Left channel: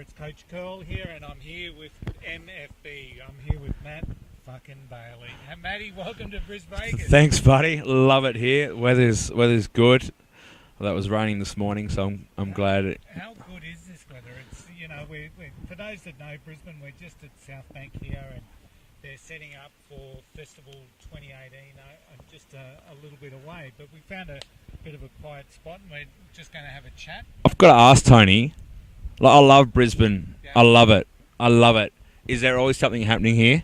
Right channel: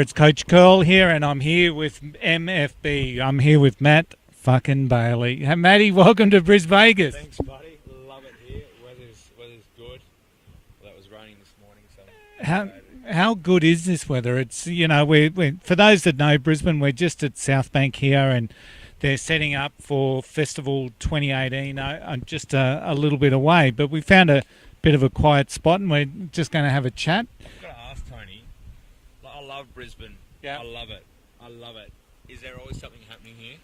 It's Coach Curl here, and I'm here with MFB. I'm here with Matt fucking Bailey. Hey, Matty, welcome to Brisbane. Thanks, buddy. Love it here. Weather's good. Well, that was raining this morning, so I'm glad. How good is this weather? It's, we're for those that know Brisbane, we're just at Southbank here, and they're setting up for Festival 2018. I'm just a little bit away, but we found a bit of a quiet spot, and we're just going to have a chat. I've got to ask Tony. I love Brisbane. Yeah. I love it. Is there always something happening here?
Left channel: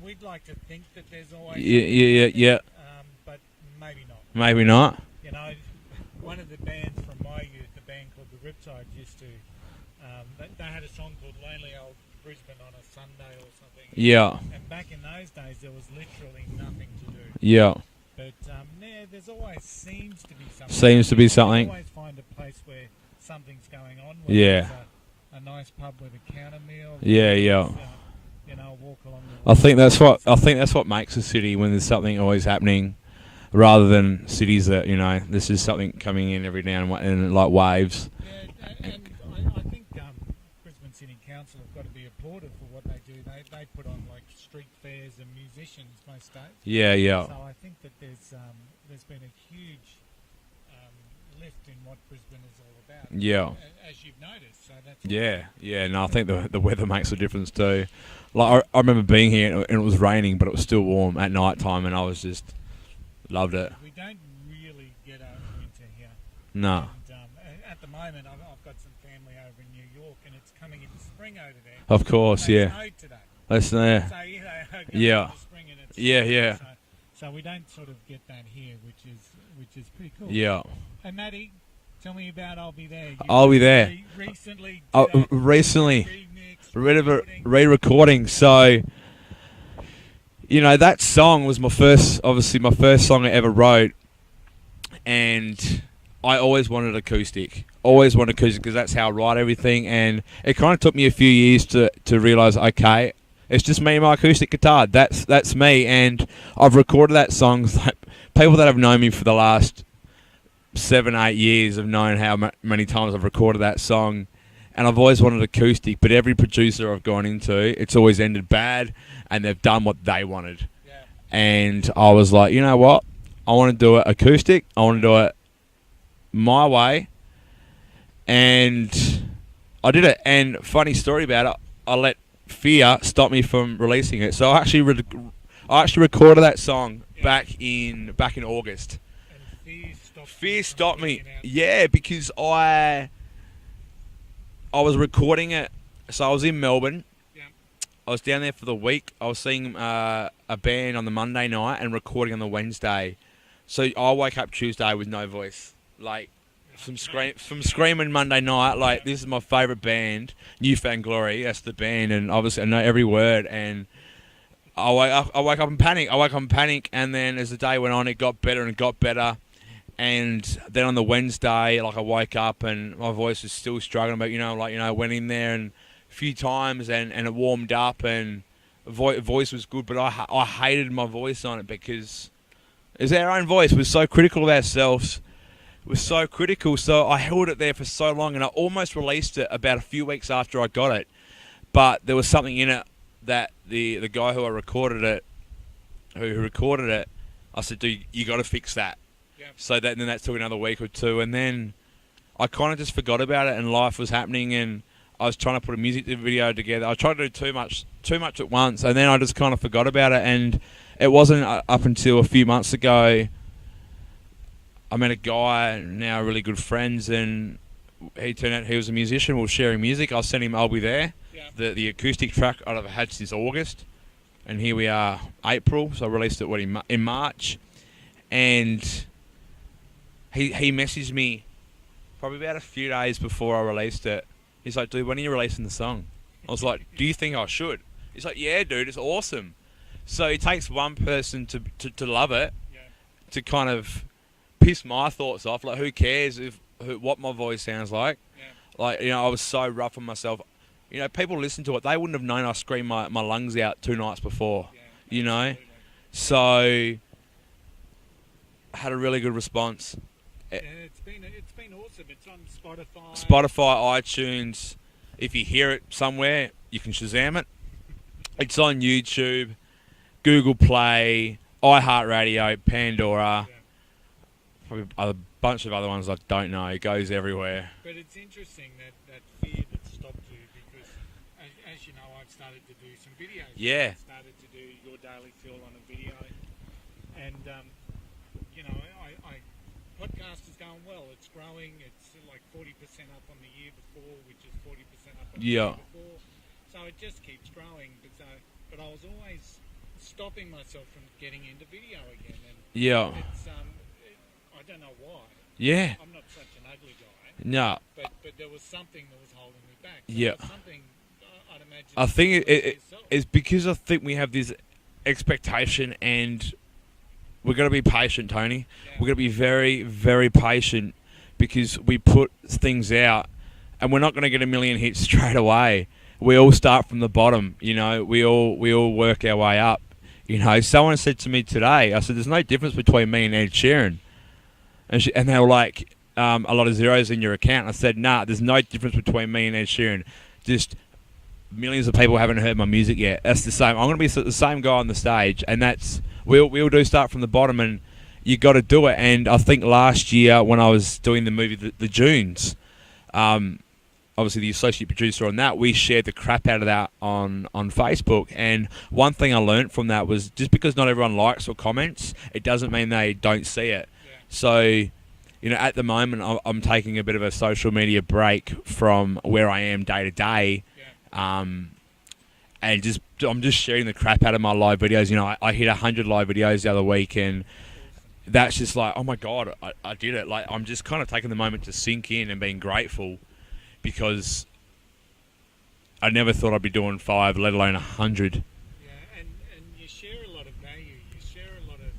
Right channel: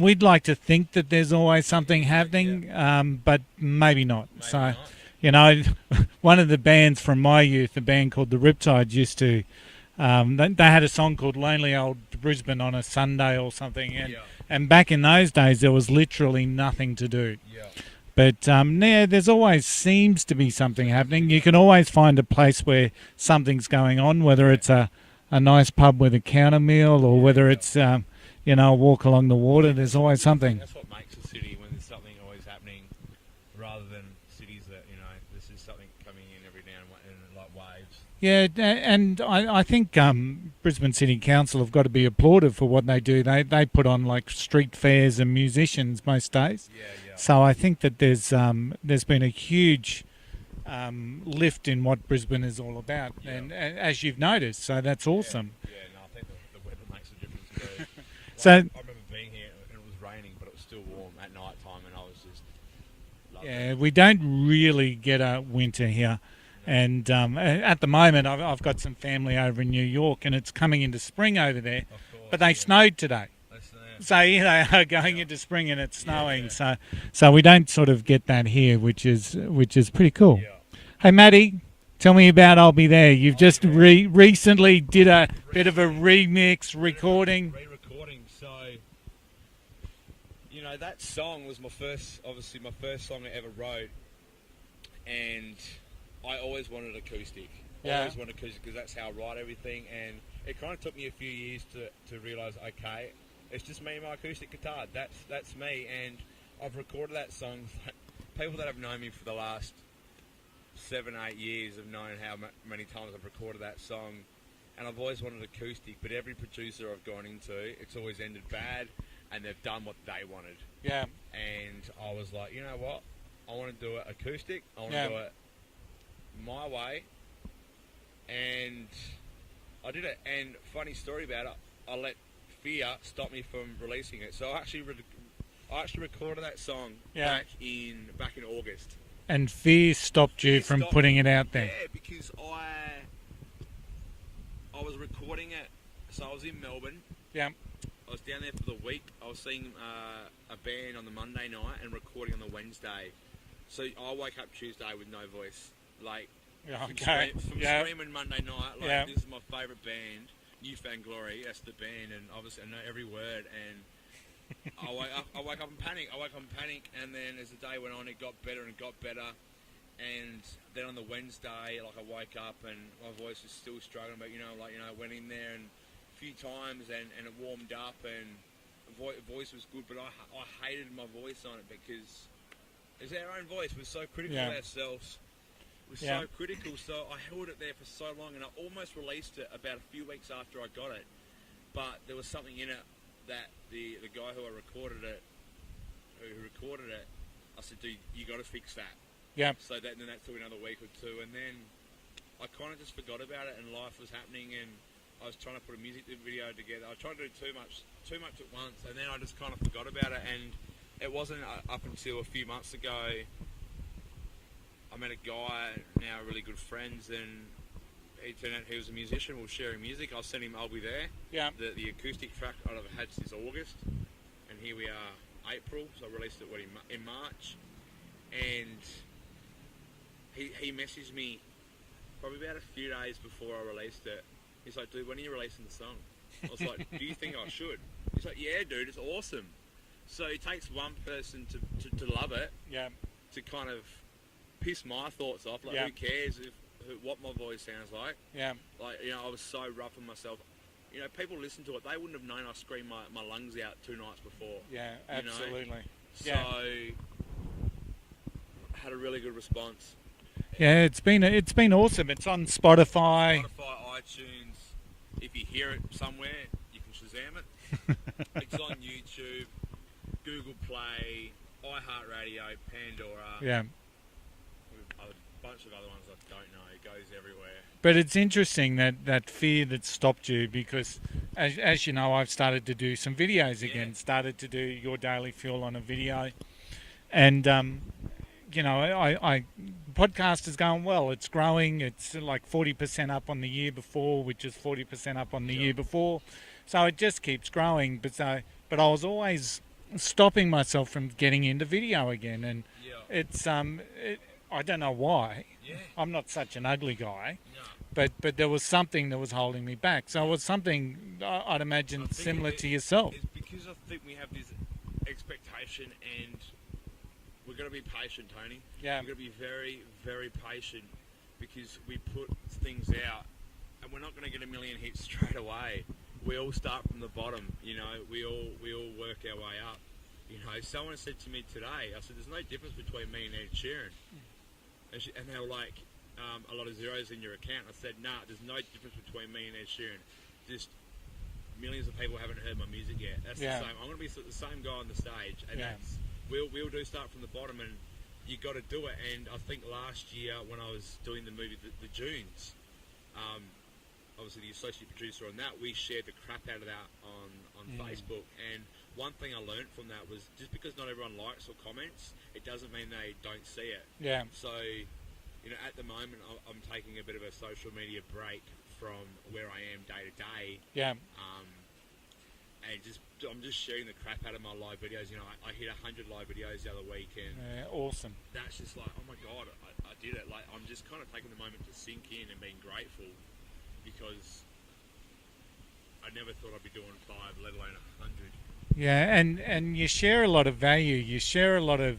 We'd like to think that there's always something happening, but maybe not. Maybe not. One of the bands from my youth, a band called the Riptides, used to. They had a song called "Lonely Old Brisbane" on a Sunday or something. Yeah. And back in those days, there was literally nothing to do. Yeah. But there's always seems to be something Seems to happening. be You something. can always find a place where something's going on, whether it's a nice pub with a counter meal, or whether it's a walk along the water. I think that's what makes a city, when there's something always happening, rather than cities that this is something coming in every now and like waves. Yeah, and I think Brisbane City Council have got to be applauded for what they do. They put on like street fairs and musicians most days. Yeah. So I think that there's been a huge lift in what Brisbane is all about. Yeah. As you've noticed, so that's awesome. Yeah. No, I think the weather makes a difference too. So- I remember being here and it was raining, but it was still warm at night time, and I was just loved it. We don't really get a winter here. No. And at the moment, I've got some family over in New York, and it's coming into spring over there. Of course, but they snowed today. So They are going into spring, and it's snowing. Yeah. So we don't sort of get that here, which is pretty cool. Yeah. Hey, Matty, tell me about "I'll Be There." You just recently did a remix recording. Re-recording. So, that song was my first song I ever wrote, and I always wanted acoustic. Always wanted acoustic because that's how I write everything. And it kind of took me a few years to realise, okay, it's just me and my acoustic guitar. That's me. And I've recorded that song. Like, people that have known me for the last 7-8 years have known how many times I've recorded that song. And I've always wanted acoustic, but every producer I've gone into, it's always ended bad, and they've done what they wanted. Yeah. And I was like, you know what? I want to do it acoustic. I want to do it my way, and I did it. And funny story about it, I let fear stop me from releasing it. So I actually recorded that song back in August. And fear stopped you from putting it out there. Yeah, because I was recording it. So I was in Melbourne. Yeah. I was down there for the week. I was seeing a band on the Monday night and recording on the Wednesday. So I woke up Tuesday with no voice. Like, from screaming Monday night, this is my favourite band, Newfound Glory, that's the band, and obviously I know every word, and I woke up in panic, and then as the day went on, it got better and got better, and then on the Wednesday, I woke up, and my voice was still struggling, but, I went in there and a few times, and it warmed up, and voice was good, but I hated my voice on it, because it's our own voice. We're so critical of ourselves. We're so critical. So I held it there for so long, and I almost released it about a few weeks after I got it. But there was something in it that the guy who recorded it, I said, dude, you got to fix that. Yeah. So then that took another week or two, and then I kind of just forgot about it, and life was happening, and I was trying to put a music video together. I tried to do too much at once, and then I just kind of forgot about it, and it wasn't up until a few months ago I met a guy, now really good friends, and he turned out he was a musician. We were sharing music. I sent him "I'll Be There," the acoustic track I've had since August, and here we are, April. So I released it in March, and he messaged me probably about a few days before I released it. He's like, "Dude, when are you releasing the song?" I was like, "Do you think I should?" He's like, "Yeah, dude, it's awesome." So it takes one person to love it, to kind of piss my thoughts off. Who cares what my voice sounds like? Yeah. I was so rough on myself. People listen to it. They wouldn't have known I screamed my lungs out 2 nights before. Yeah, absolutely. So I had a really good response. Yeah, it's been awesome. It's on Spotify, iTunes, If you hear it somewhere, you can Shazam it. It's on YouTube, Google Play, iHeartRadio, Pandora. Yeah. Probably a bunch of other ones I don't know. It goes everywhere. But it's interesting that fear that stopped you, because as you know, I've started to do some videos again. Started to do Your Daily Fuel on a video. And, you know, I podcast is going well. It's growing. It's like 40% up on the year before, which is 40% up on the year before. So it just keeps growing. But I was always stopping myself from getting into video again. And it's I don't know why. Yeah. I'm not such an ugly guy. No. But there was something that was holding me back. So it was something I'd imagine I think similar to yourself. It's because I think we have this expectation, and we've got to be patient, Tony. Yeah. We've got to be very, very patient, because we put things out and we're not going to get a million hits straight away. We all start from the bottom, you know. We all work our way up. You know, someone said to me today, I said, there's no difference between me and Ed Sheeran. And they were like, a lot of zeros in your account. I said, nah, there's no difference between me and Ed Sheeran. Just millions of people haven't heard my music yet. That's the same. I'm going to be the same guy on the stage, and that's we all do start from the bottom, and you got to do it. And I think last year when I was doing the movie The Dunes, obviously the associate producer on that, we shared the crap out of that on Facebook. And one thing I learned from that was, just because not everyone likes or comments, it doesn't mean they don't see it. Yeah. So, you know, at the moment, I'm taking a bit of a social media break from where I am day to day. Yeah. And I'm just sharing the crap out of my live videos. You know, I hit 100 live videos the other week, and Awesome. that's just like, oh my God, I did it. Like, I'm just kind of taking the moment to sink in and being grateful, because I never thought I'd be doing 5, let alone 100. Yeah, and you share a lot of value. You share a lot of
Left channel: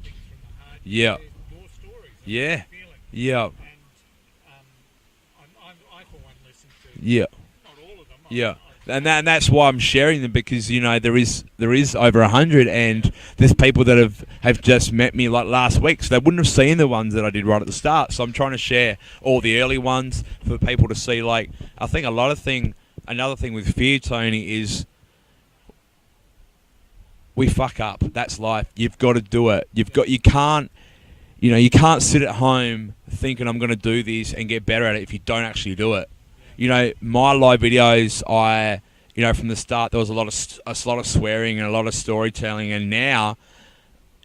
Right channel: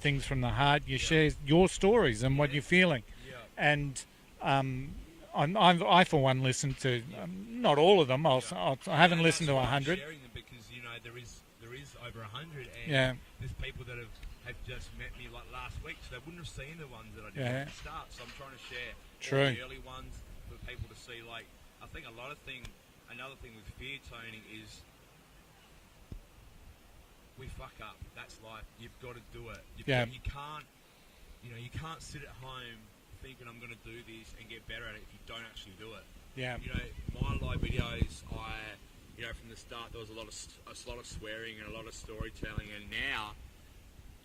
things from the heart. You share your stories and what you're feeling. Yeah. And I for one, listen to not all of them. And that's why I'm sharing them, because, you know, there is over 100, and there's people that have just met me like last week, so they wouldn't have seen the ones that I did right at the start. So I'm trying to share all the early ones for people to see. Like, I think another thing with fear, Tony, is we fuck up. That's life. You've got to do it. You can't sit at home thinking I'm going to do this and get better at it if you don't actually do it. Yeah. You know, my live videos, from the start, there was a lot of swearing and a lot of storytelling, and now,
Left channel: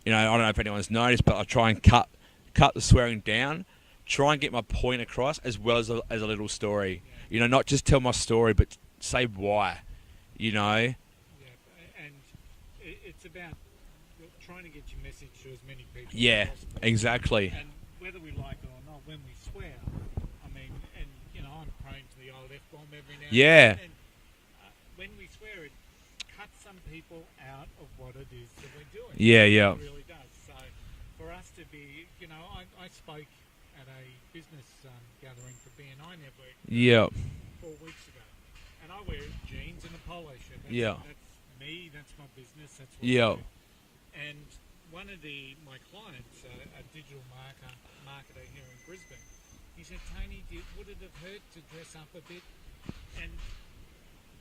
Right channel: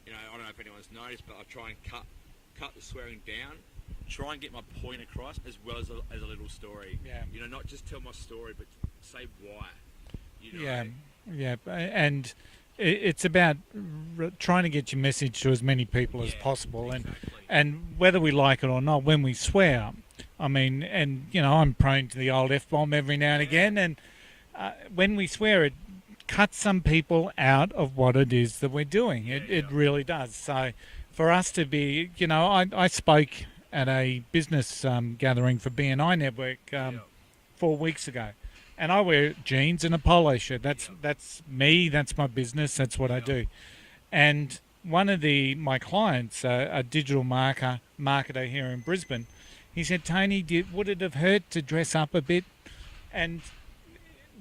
you know, I don't know if anyone's noticed, but I try and cut the swearing down, try and get my point across, as well as a little story. Yeah. You know, not just tell my story, but say why. You know. Yeah, and it's about trying to get your message to as many people as possible. Exactly. And whether we like it or not, when we swear, I mean, and, you know, I'm prone to the old F-bomb every now and again. And when we swear, it cuts some people out of what it is that we're doing. It really does. So for us to be, you know, I spoke at a business gathering for BNI Network 4 weeks ago. And I wear jeans and a polo shirt. That's me. That's my business. That's what I do. And one of my clients, a digital marketer here in Brisbane, he said, Tony, would it have hurt to dress up a bit? And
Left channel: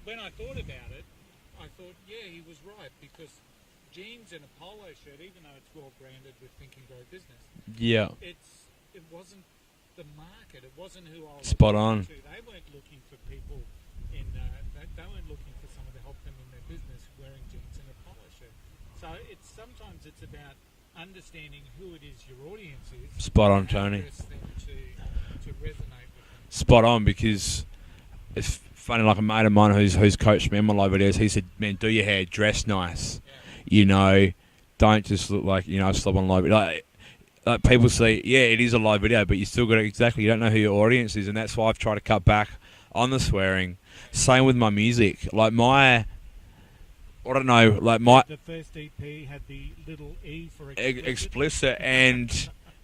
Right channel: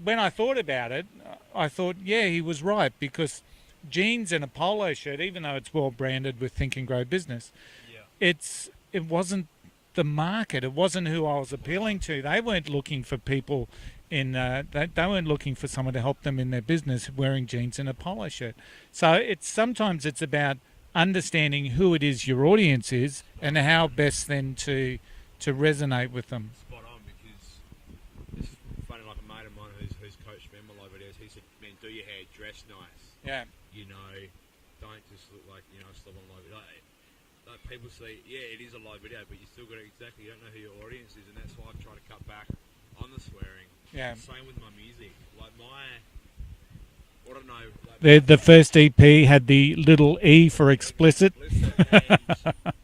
when I thought about it, I thought, yeah, he was right, because jeans and a polo shirt, even though it's well branded with Think and Grow Business, it wasn't the market. It wasn't who I was appealing to. They weren't looking for people they weren't looking for someone to help them in their business wearing jeans and a polo shirt. So sometimes it's about understanding who it is your audience is, and how best then to resonate with them. Spot on, because it's funny, like a mate of mine who's coached me in my live videos, he said, man, do your hair, dress nice. Yeah. You know, don't just look like, you know, slob on live video. Like people say, yeah, it is a live video, but you still got to, you don't know who your audience is, and that's why I've tried to cut back on the swearing. Yeah. Same with my music. Like I don't know, like the first EP had the little E for explicit. And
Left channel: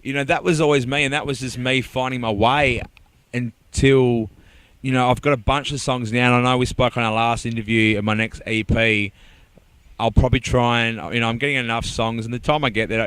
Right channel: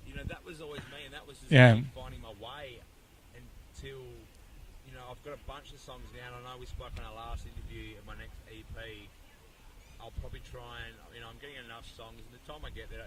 you know, that was always me, and that was just me finding my way until, you know, I've got a bunch of songs now, and I know we spoke on our last interview in my next EP. I'll probably try and, I'm getting enough songs, and the time I get there,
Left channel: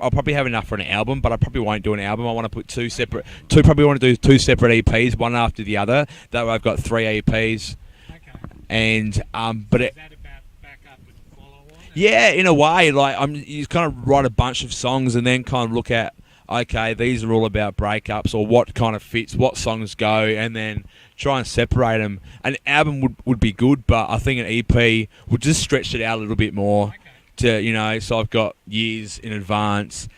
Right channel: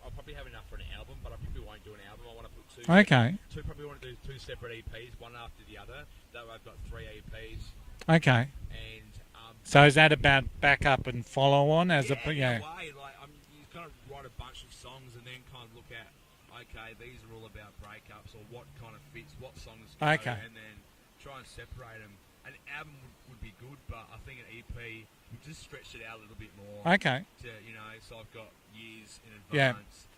I'll probably have enough for an album, but I probably won't do an album. I want to put probably want to do 2 separate EPs, one after the other. That way I've got 3 EPs. Okay. And so is that about backup and follow on? Yeah, in a way. Like you kind of write a bunch of songs and then kind of look at, okay, these are all about breakups, or what kind of fits, what songs go, and then try and separate them. An album would be good, but I think an EP would just stretch it out a little bit more. Okay. To so I've got years in advance. Yeah.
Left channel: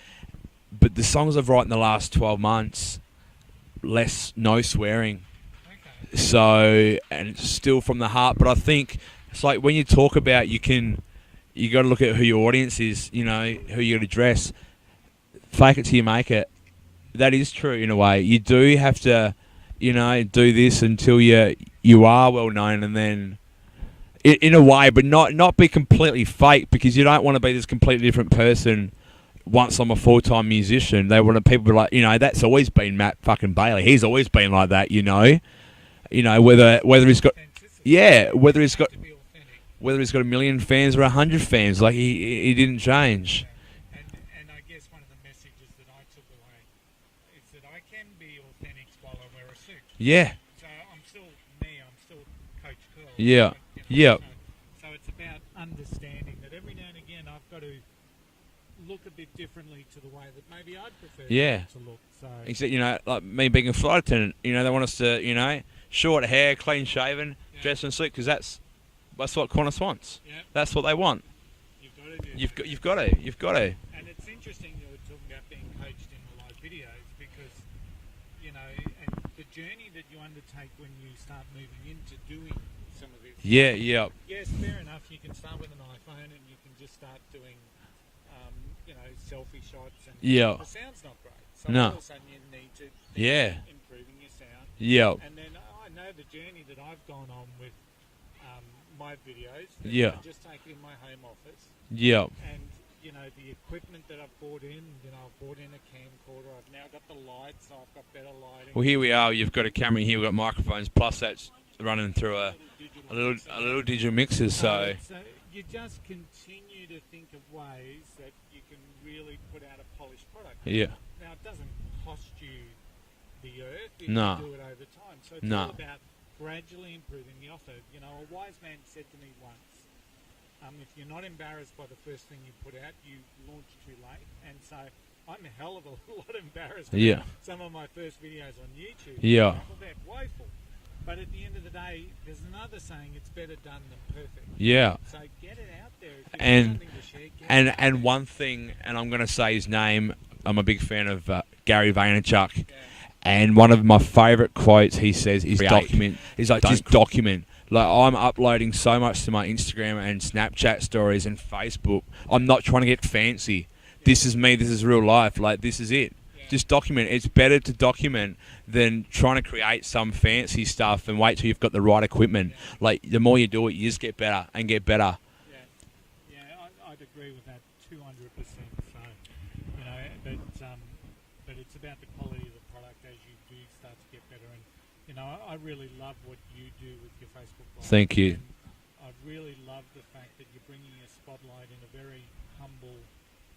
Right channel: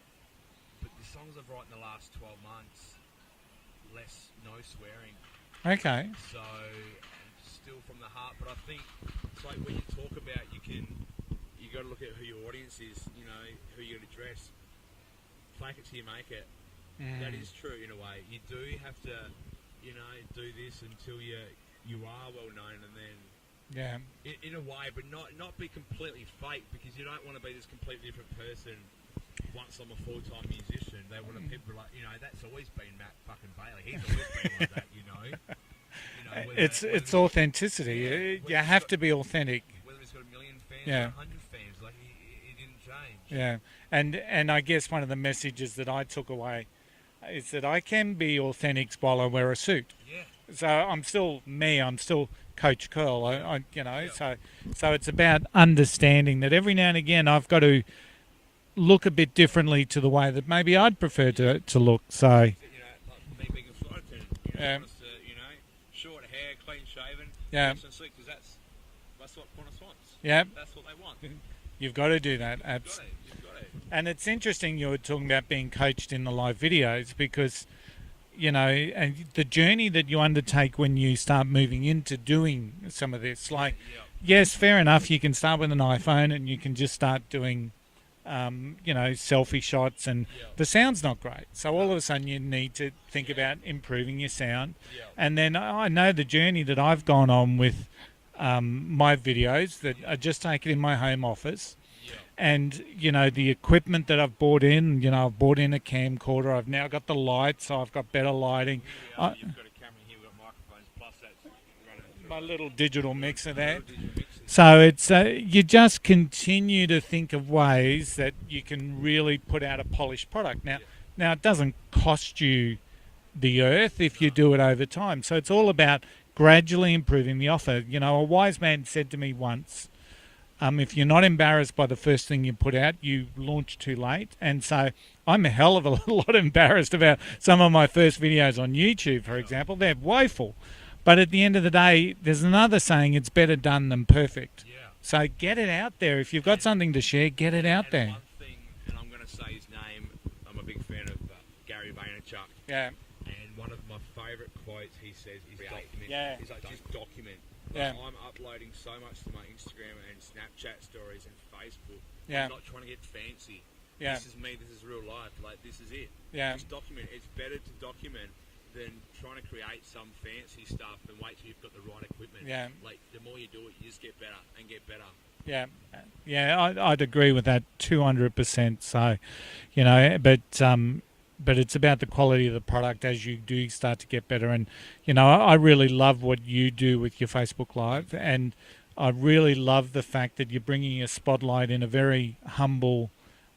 But the songs I've written the last 12 months, no swearing. Okay. So, and it's still from the heart. But I think it's like when you talk about, you got to look at who your audience is. Who you're going to address. Fake it till you make it. That is true in a way. You do have to, do this until you are well known, and then, in a way, but not be completely fake, because you don't want to be this completely different person. Once I'm a full-time musician, they want people to be like, that's always been Matt fucking Bailey. He's always been like that, whether he's got authenticity. Whether he's got to be authentic. Whether he's got 1 million fans or 100 fans, like he didn't change. Yeah, and I guess one of the messages that I took away is that I can be authentic while I wear a suit. Yeah. So I'm still me. I'm still Coach Curl. Yeah. So it's about understanding that every now and again I've got to look a bit differently to the way that maybe I'd prefer to look. So like me being a flight attendant, they want us to, short hair, clean shaven, dress in a suit, because that's what Qantas wants. Yeah, that's what they want. You've got to do that. You've got to. And it's interesting you were talking about being coached in the live videos, because and the journey that you undertake when you start moving into doing some of this. Yes, fair enough. You can start with an iPhone and you can just start doing selfie shots, and the sound's not great. So all of a sudden you need to think about improving your sound. Yeah. And then I know the journey that I've gone on with my videos that are just taken in my home office. Yeah. And, the equipment that I've bought in, I've bought in a camcorder. I've now got the lights, so I've got better lighting. Well, here we are. You've got a camera here. We've got microphones, plus that's running through a little digital mixer there. Little digital mixer. So it's you just continue to think of ways that you can really put out a polished product. Now it doesn't cost you the earth if you do it over time. So it's all about gradually improving the offer. A wise man said to me once, if you're not embarrassed by the first thing you put out, you launch too late. And so I'm a hell of a lot embarrassed about some of my first videos on YouTube, for example. They're woeful. But at the end of the day, there's another saying, it's better done than perfect. Yeah. So get it out there. If you've got something to share, get it out there. And one thing, and I'm going to say his name, I'm a big fan of Gary Vaynerchuk. Yeah. And one of my favourite quotes he says is document. Yeah. He's like, just document. Like, I'm uploading so much to my Instagram and Snapchat stories and Facebook. Yeah. I'm not trying to get fancy. Yeah. This is me. This is real life. Like, this is it. Yeah. Just document. It's better to document than trying to create some fancy stuff and wait till you've got the right equipment. Yeah. Like, the more you do it, you just get better and get better. Yeah. Yeah, I'd agree with that 200%. So, but it's about the quality of the product as you do start to get better. And, I really love what you do with your Facebook Live. Thank you. And I really love the fact that you're bringing a spotlight in a very humble,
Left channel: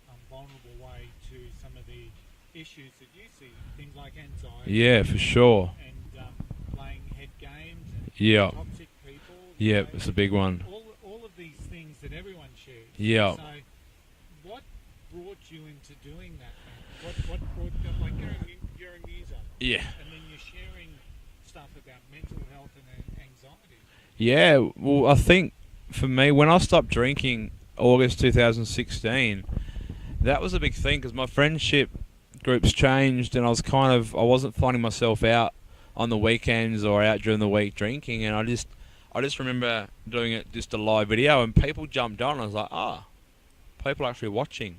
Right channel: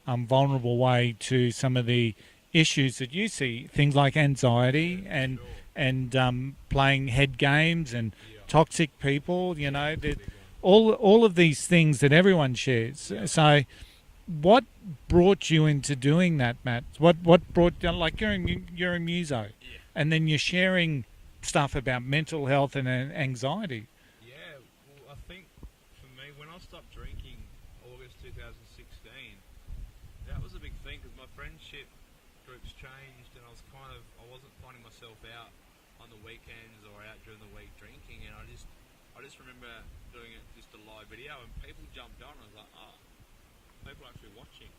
vulnerable way to some of the issues that you see, things like anxiety. Yeah, for sure. And playing head games and toxic people. It's a big one. All of these things that everyone shares. Yeah. So what brought you into doing that, Matt? What brought you, like you're a muso. Yeah. And then you're sharing stuff about mental health and anxiety. Yeah, well, I think for me, when I stopped drinking August 2016, that was a big thing, because my friendship groups changed, and I wasn't finding myself out on the weekends or out during the week drinking, and I just remember doing it, just a live video, and people jumped on. I was like, people are actually watching.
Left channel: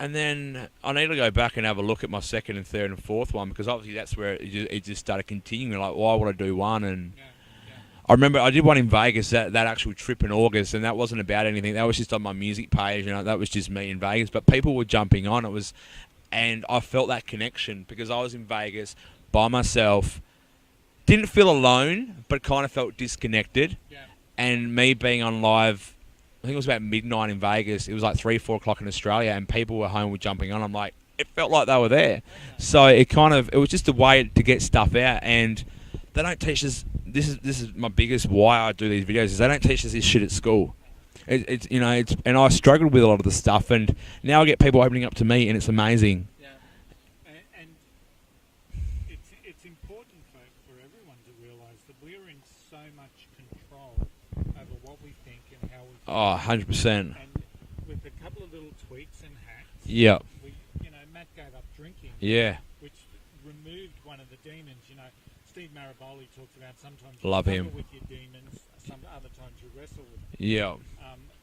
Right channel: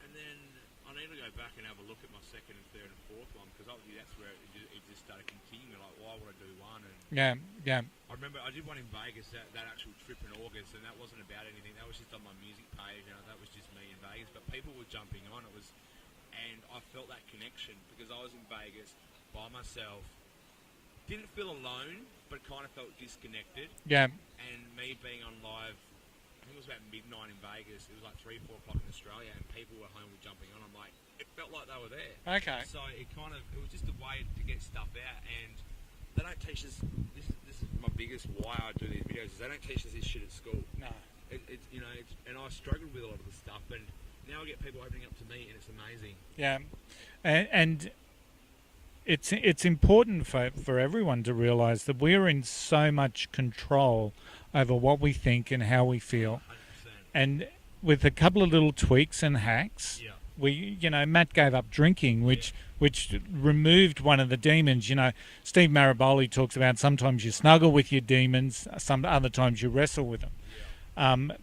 And then I need to go back and have a look at my second and third and fourth one, because obviously that's where it just started continuing. Like, why would I do one? And I remember I did one in Vegas, that actual trip in August, and that wasn't about anything. That was just on my music page, that was just me in Vegas. But people were jumping on. And I felt that connection, because I was in Vegas by myself, didn't feel alone, but kind of felt disconnected. Yeah. And me being on live I think it was about midnight in Vegas. It was like 3, 4 o'clock in Australia, and people were home with jumping on. I'm like, it felt like they were there. Okay. So it was just a way to get stuff out, and they don't teach us. This is my biggest why I do these videos is they don't teach us this shit at school. No. And I struggled with a lot of the stuff, and now I get people opening up to me, and it's amazing. Yeah, and it's important for everyone to realise that we're in so much control over what we think and how we feel. Oh, 100%. And with a couple of little tweaks and hacks, Yeah. Matt gave up drinking, Yeah. which removed one of the demons. Steve Maraboli talks about sometimes you Love snuggle him. with your demons, some other times you wrestle with them. Yeah.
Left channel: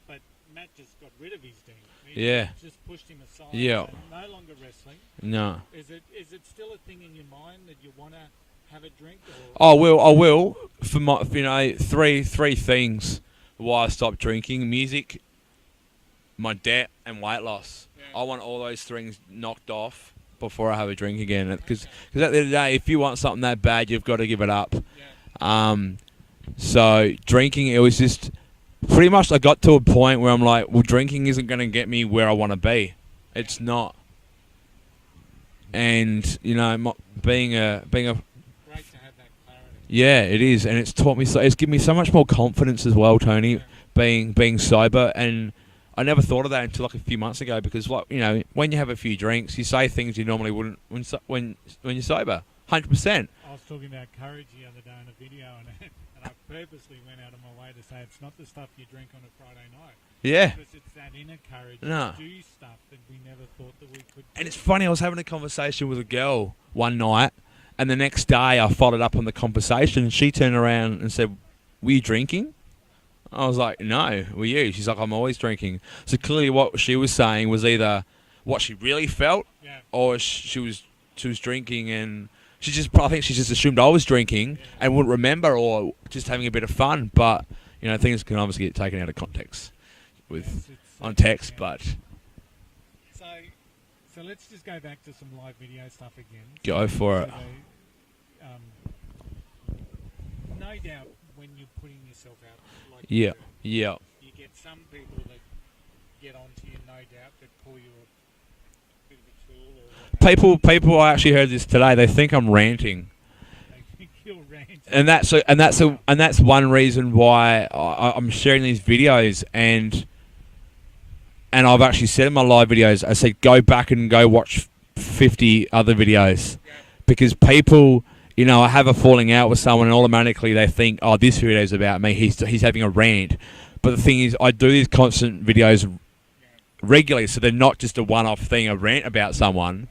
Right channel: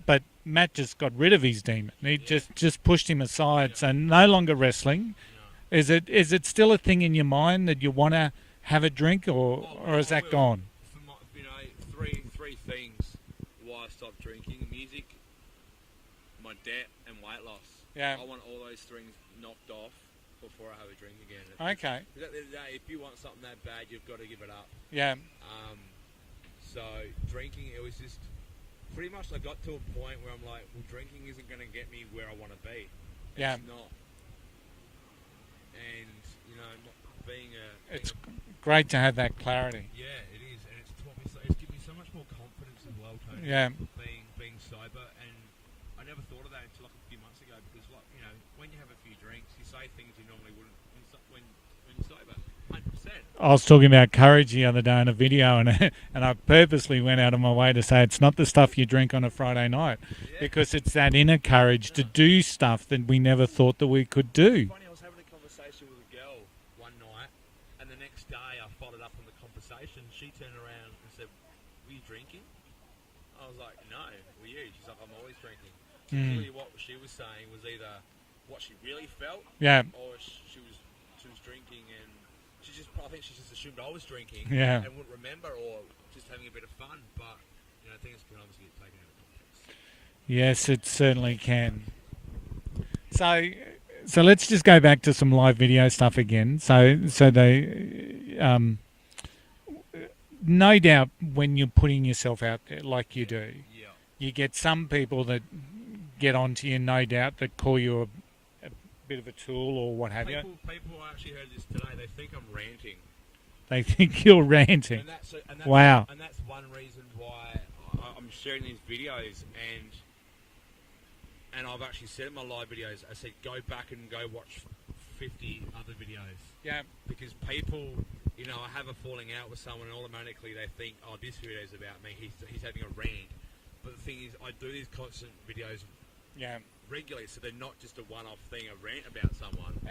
But Matt just got rid of his demon. He Yeah. just pushed him aside. Yeah. So no longer wrestling. No. Is it still a thing in your mind that you want to have a drink or? I or is will. that gone? For my, three things why I stopped drinking: music, my debt, and weight loss. Yeah. I want all those things knocked off before I have a drink again. Because Okay. at the end of the day, if you want something that bad, you've got to give it up. Yeah. So drinking, it was just pretty much. I got to a point where I'm like, well, drinking isn't going to get me where I want to be. It's Yeah. not. And being a Great to have that clarity. yeah, it is, and it's taught me so. It's given me so much more confidence as well, Tony. Yeah. Being sober, and I never thought of that until like a few months ago because, when you have a few drinks, you say things you normally wouldn't when you're sober. 100%. I was talking about courage the other day in a video, and I purposely went out of my way to say it's not the stuff you drink on a Friday night. Yeah. Because it's that inner courage to do stuff that we never thought that we could do. It's funny. I was having a conversation with a girl one night, and the next day I followed up on the conversation, and she turned around and said, "Were you drinking?" I was like, "No, were you?" She's like, "I'm always drinking." So clearly, what she was saying was either what she really felt, Yeah. or she was drinking, and I think she just assumed I was drinking and wouldn't remember, or just having a bit of fun. But things can obviously get taken out of context. Yes, it certainly Context, can. but So let's just go back to some live video stuff again. Go for so it. they, no doubt, when you're putting yourself out there like you do, you get some people that get onto you, no doubt, that call you a bit of a tool or what have you. People. I actually heard this today. They think I'm ranting. They think you're ranting. And that's Wow. and that's one reason why I'm sharing these videos, and I've actually said in my live videos, I said go back and go watch 50 other videos, because people, I have a falling out with someone, and automatically they think, oh, this video is about me. He's having a rant, but the thing is, I do these constant videos regularly, so they're not just a one-off thing, a rant about someone.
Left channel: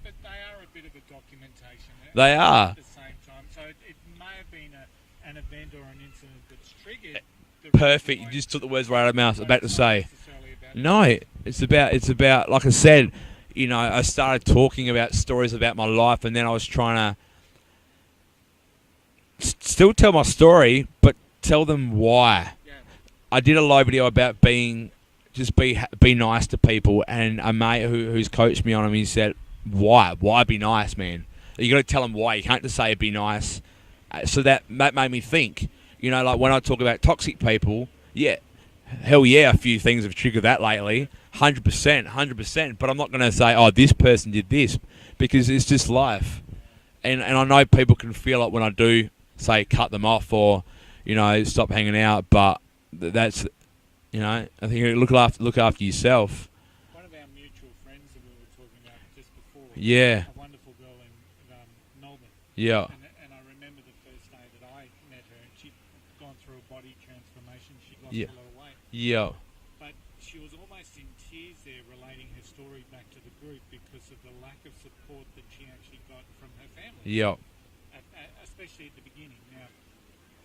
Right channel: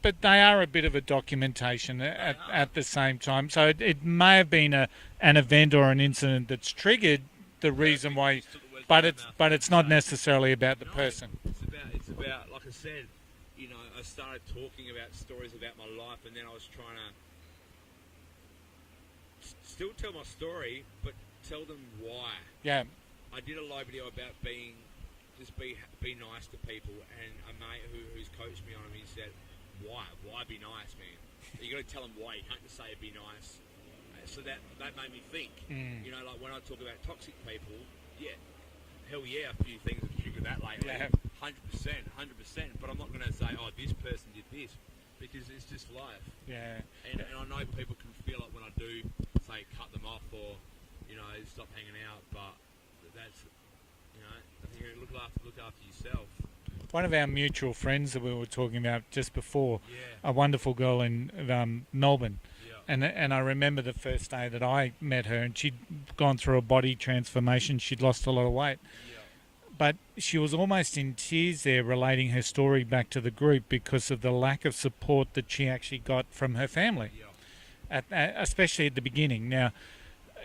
But they are a bit of a documentation. They are at the same time. So it may have been an event or an incident that's triggered the Perfect. reason why. You just took the words right out of my mouth. But it's not necessarily about the person. It's about like I said, I started talking about stories about my life, and then I was trying to still tell my story, but tell them why. Yeah. I did a live video about be nice to people, and a mate who's coached me on him, he said, why be nice, man? You got to tell them why. You can't just say be nice. So that made me think. Like when I talk about toxic people, hell yeah, a few things have triggered that lately. 100%. But I'm not going to say, oh, this person did this, because it's just life. Yeah. And I know people can feel it when I do say cut them off or, stop hanging out. But that's, I think you look after yourself. One of our mutual friends that we were talking about just before, Yeah. a wonderful girl in Melbourne. Yeah. And I remember the first day that I met her, and she'd gone through a body transformation. She'd lost a lot of weight. Yeah. But she was almost in tears there, relating her story back to the group because of the lack of support that she actually got from her family. Yeah. Especially at the beginning. Now,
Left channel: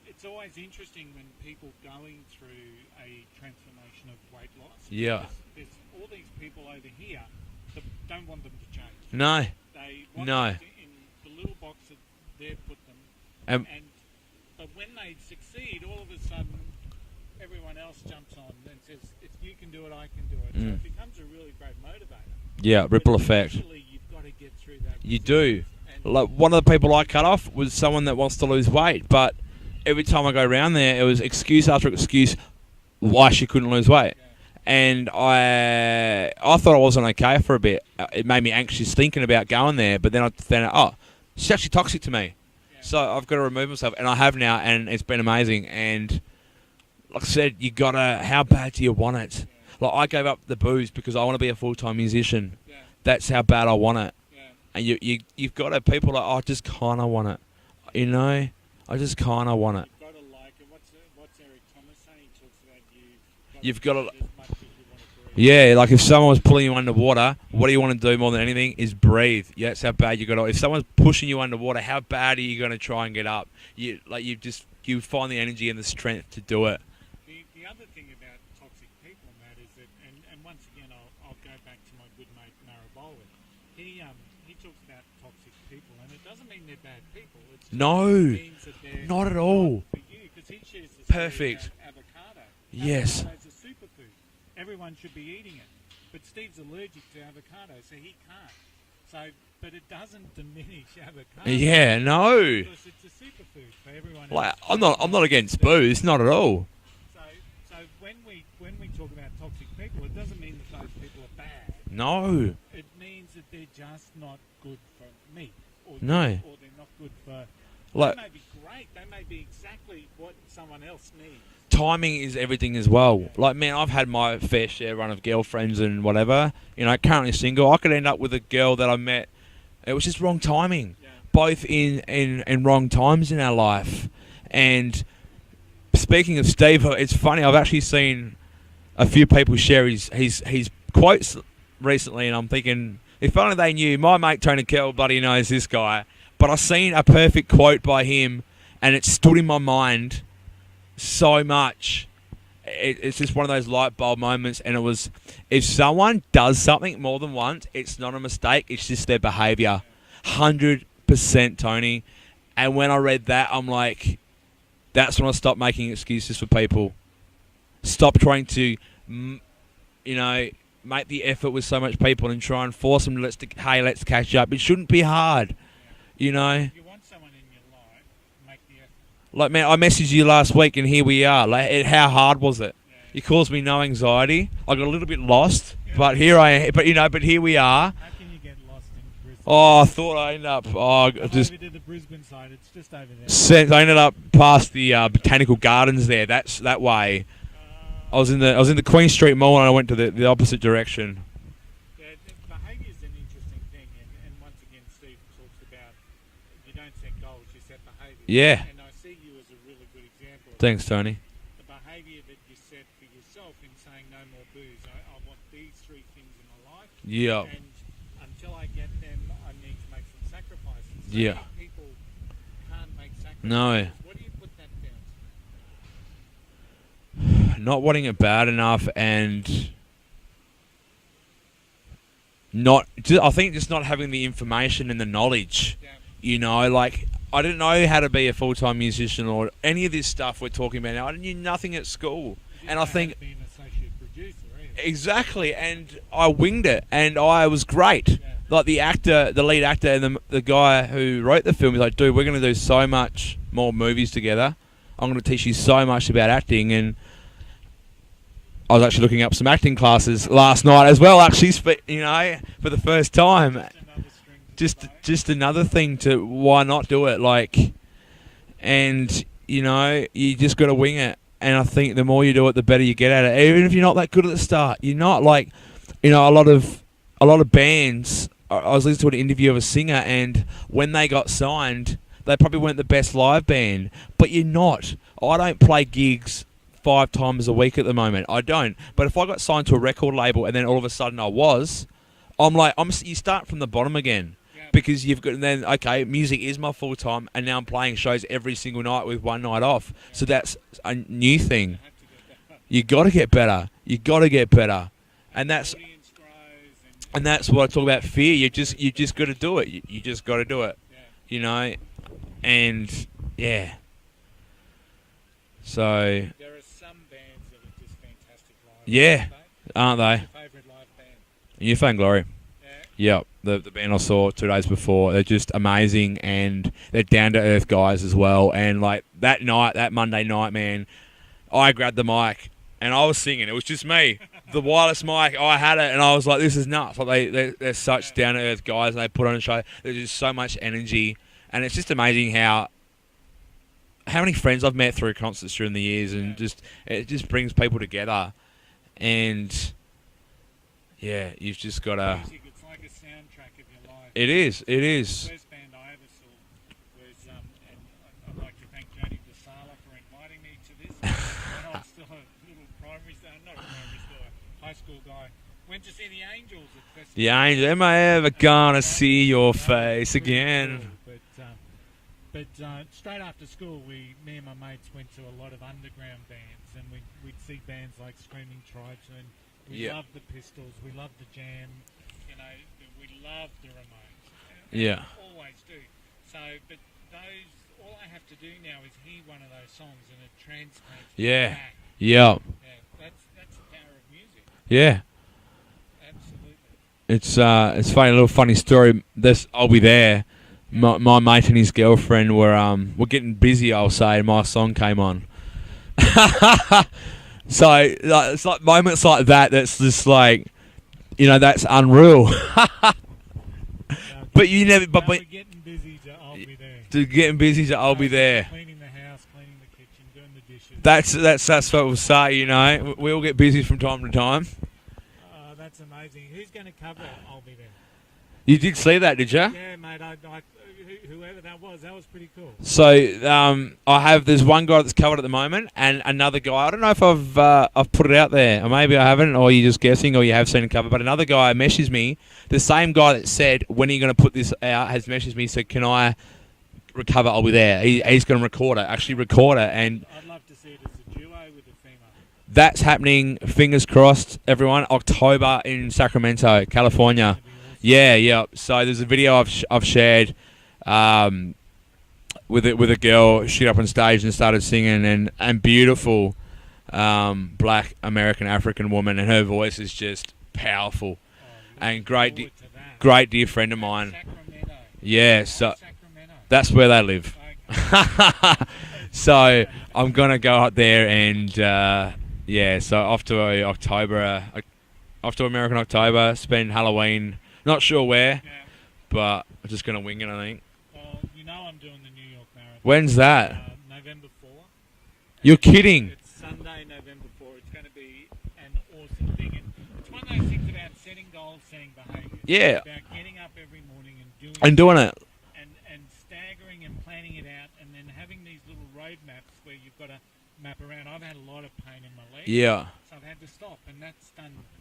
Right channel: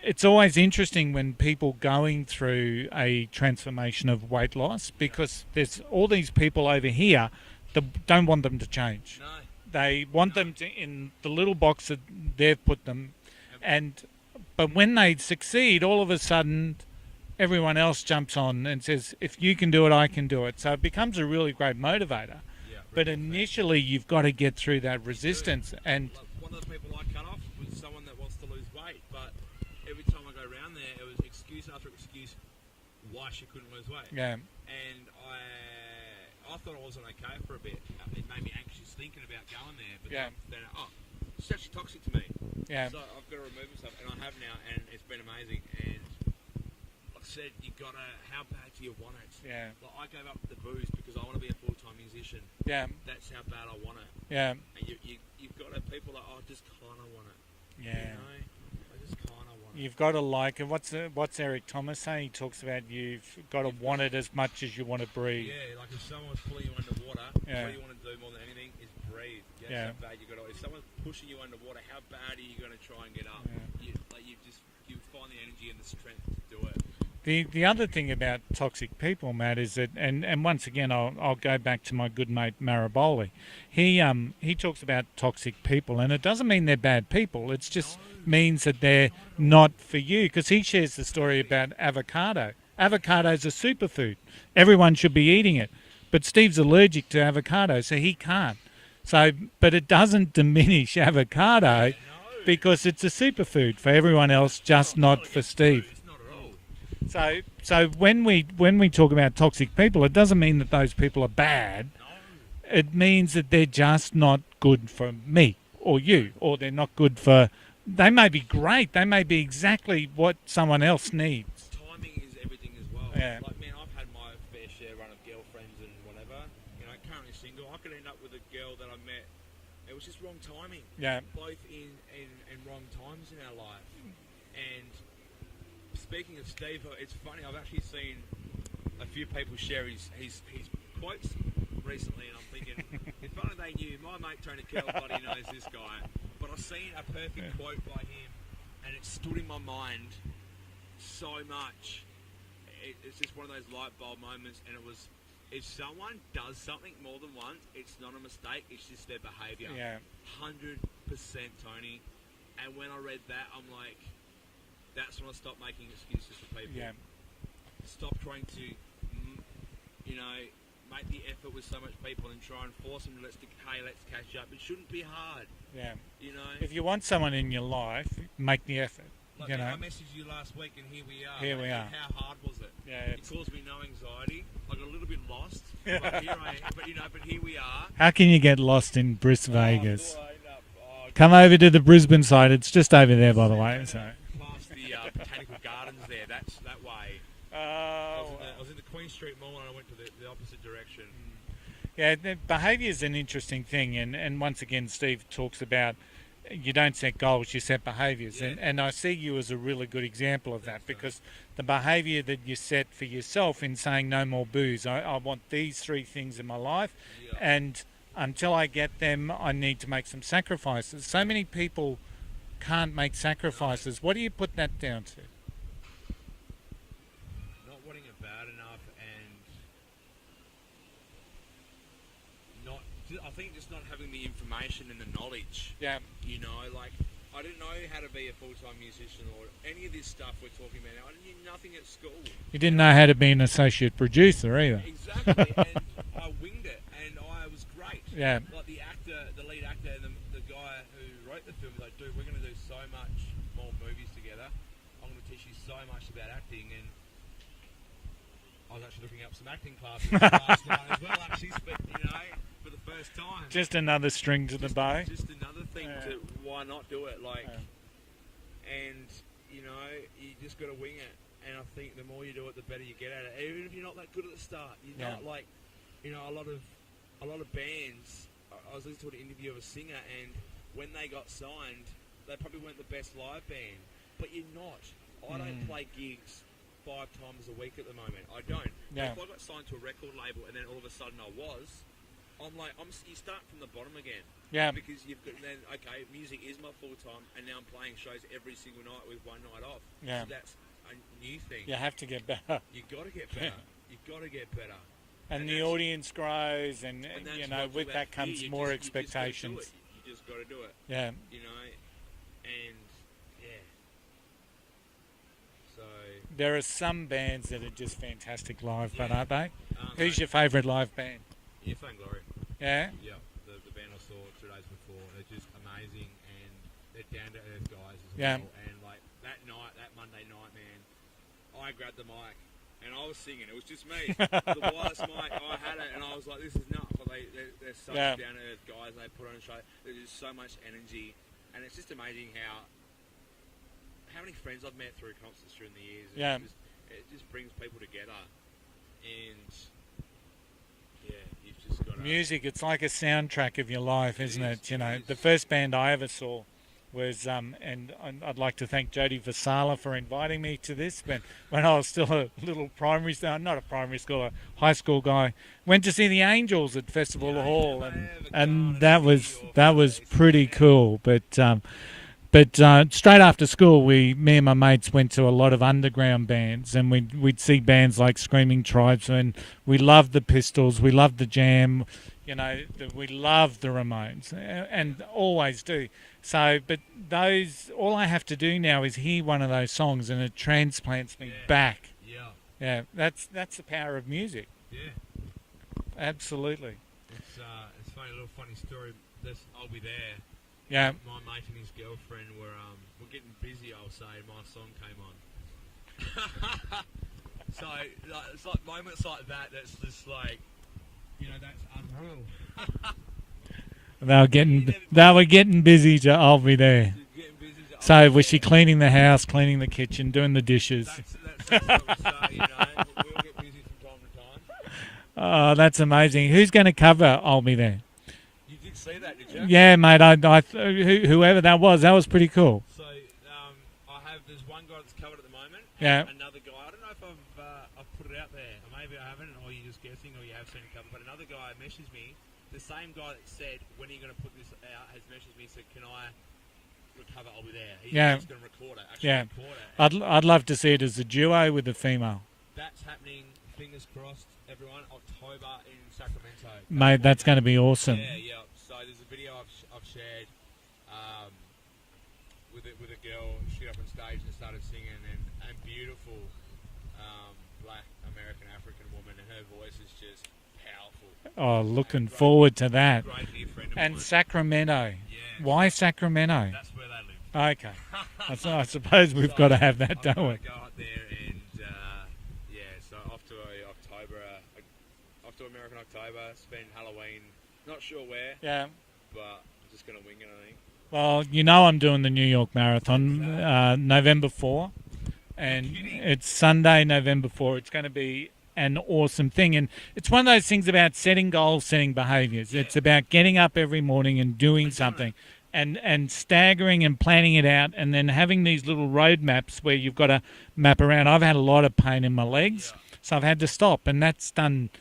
it's always interesting when people going through a transformation of weight loss, because there's all these people over here that don't want them to change. No. They want them in the little box that they've put them. But when they succeed, all of a sudden, everyone else jumps on and says, if you can do it, I can do it. So it becomes a really great motivator. Yeah, ripple effect. Initially, you've got to get through that resistance. You do. And like one of the people I cut off was someone that wants to lose weight, but every time I go around there, it was excuse after excuse. why she couldn't lose weight. Yeah. And I thought I wasn't okay for a bit. It made me anxious thinking about going there. But then I found out, oh, she's actually toxic to me. Yeah. So I've got to remove myself, and I have now, and it's been amazing. And like I said, you gotta. How bad do you want it? Yeah. Like I gave up the booze because I want to be a full-time musician. Yeah. That's how bad I want it. Yeah. And you've got to people like, oh, I just kind of want it. Yeah. You know, I just kind of want it. You've got to like it. What's Eric Thomas saying? He talks about you've got it as much as you want to breathe. Yeah, like if someone was pulling you underwater, Yeah. what do you want to do more than anything is breathe. Yeah, that's Yeah. how bad you got to. If someone's pushing you underwater, how bad are you going to try and get up? You find the energy and the strength to do it. The other thing about toxic people, Matt, is that, and once again, I'll go back to my good mate Maraboli. He talks about toxic people, and it doesn't mean they're bad people. It just means that they're not at all. not for you. Because he shares the story about avocado. Avocado's a superfood. Everyone should be eating it. But Steve's allergic to avocado, so he can't. So, but it doesn't diminish avocado. Yeah, no. Because it's a superfood for everyone else. I'm Just not against booze, not at all. So when we talk about toxic people, it doesn't mean that those people are bad. No. It means that they're just not good for me or you, or they're not good for. They may be great. They may be exactly what someone else needs. Timing is everything as well. Yeah. Like, man, I've had my fair share run of girlfriends and whatever. You know, currently single. I could end up with a girl that I met. It was just wrong timing. Yeah. Both in wrong times in our life. And speaking of Steve, it's funny. I've actually seen a few people share his quotes recently, and I'm thinking, if only they knew. My mate Tony Kell, bloody knows this guy. But I've seen a perfect quote by him, and it stood in my mind so much. It's just one of those light bulb moments, and it was, if someone does something more than once, it's not a mistake. It's just their behaviour. 100%, Tony. And when I read that, I'm like, that's when I stopped making excuses for people. Yeah. Stop trying to, make the effort with so much people and try and force them to, let's catch up. It shouldn't be hard. Yeah. You know? If you want someone in your life, make the effort. Like, man, I messaged you last week, and here we are. Yeah. Like, how hard was it? Yeah. You caused me no anxiety. I got a little bit lost, but here I am. But here we are. How can you get lost in Brisbane? Oh, I thought I ended up. Come over to the Brisbane side. It's just over there. I ended up past the botanical gardens there. That's that way. I was in the Queen Street Mall, and I went to the opposite direction. Yeah, behaviour is an interesting thing, and once again, Steve talks about you don't set goals, you set behaviours. Yeah. And I see you as a really good example of Thanks, that. Tony. Because the behaviour that you set for yourself in saying no more booze. I want these three things in my life. Yeah. And until I get them, I need to make some sacrifices. So many people can't make sacrifices. No. What do you put that down to? Not wanting it bad enough, and I think just not having the information and the knowledge. Yeah. You know, like, I didn't know how to be a full-time musician or any of this stuff we're talking about now. I knew nothing at school. You didn't know how to be an associate producer either. Exactly, and I winged it, and I was great. Yeah. Like, the lead actor, and the guy who wrote the film, he's like, dude, we're going to do so much more movies together. I'm going to teach you so much about acting, and I was actually looking up some acting classes last night as well, actually, for the first time. Just another string to the bow. Just another thing to why not do it, like, and, you just got to wing it. And I think the more you do it, the better you get at it. Even if you're not that good at the start, you're not like, a lot of bands. I was listening to an interview of a singer, and when they got signed, they probably weren't the best live band, but you're not. I don't play gigs 5 times a week at the moment. I don't. But if I got signed to a record label and then all of a sudden you start from the bottom again. Yeah. Because you've got, and then, okay, music is my full time, and now I'm playing shows every single night with one night off. Yeah. So that's a new thing. You have to get better. You got to get better. You got to get better. And that's the audience grows, and that's what I talk about. Fear. You just got to do it. You just got to do it. Yeah. And yeah. So there are some bands that are just fantastic live. Yeah, aren't they? Who's your favourite live band? Newfound Glory. Yeah. Yep. The band I saw 2 days before, they're just amazing, and they're down to earth guys as well. And like that Monday night, man, I grabbed the mic and I was singing. It was just me. The wireless mic, I had it, and I was like, this is nuts. Like they're such down-to-earth guys, and they put on a show. There's just so much energy, and it's just amazing how many friends I've met through concerts during the years, and it just brings people together. And yeah, you've just got to... Music, it's like a soundtrack of your life. It is. The first band I ever saw was, and I'd like to thank Jody Vasala for inviting me to this, but when I was still a little not a primary school, a high school guy, went to see the Angels at Festival The Hall. Angels, am I ever gonna see your face again? That was pretty cool, but straight after school, me and my mates went to a lot of underground bands, and we'd see bands like Screaming Tribesmen. We loved the Pistols, we loved the Jam, we loved the Ramones, and always do. So, but all I have to do now is hear one of those songs, and it transplants me back. Yeah. Yeah, that's the power of music. Yeah. Absolutely. It's funny, a little funny story. I'll be there. Yeah. My mate and his girlfriend were getting busy, I'll say, and my song came on. So it's like moments like that. That's just like, that's unreal. They were getting busy to I'll be there. I'll be there. So was she cleaning the house, cleaning the kitchen, doing the dishes? That's what we'll say. We all get busy from time to time. Oh, that's amazing. Who's going to cover I'll Be There? You did see that, did you? Yeah, mate. Whoever that was pretty cool. So there's one guy that's covered at the moment, and another guy. I don't know if I've put it out there, or maybe I haven't, or you're just guessing, or you have seen it covered. But another guy messaged me. The same guy that said, when are you going to put this out, has messaged me, said, can I recover I'll Be There? He's going to record it, record it. And I'd love to see it as a duo with a female. That's happening, fingers crossed, everyone, October in Sacramento, California. Mate, that's going to be awesome. Yeah. So there's a video I've shared with a girl. She got up on stage and started singing, and beautiful black American African woman, and her voice is just powerful. Oh, looking forward to that. Great dear friend of mine. Sacramento. Yeah. Why Sacramento? That's where they live. Okay. I suppose we've got to have that I'm going to go up there and, so off to American October, spend Halloween, not sure where, but I'm just going to wing it, I think. Well, I'm doing the New York Marathon. When's that? November 4. You're kidding. It's Sunday, November 4. It's going to be an awesome thing, and it's one of those things about setting goals, setting behaviours. Yeah. It's about getting up every morning and doing it, and staggering and planning it out, and then having these little road maps where you've got to map around. I've had a lot of pain in my legs, so I've had to stop, and that's done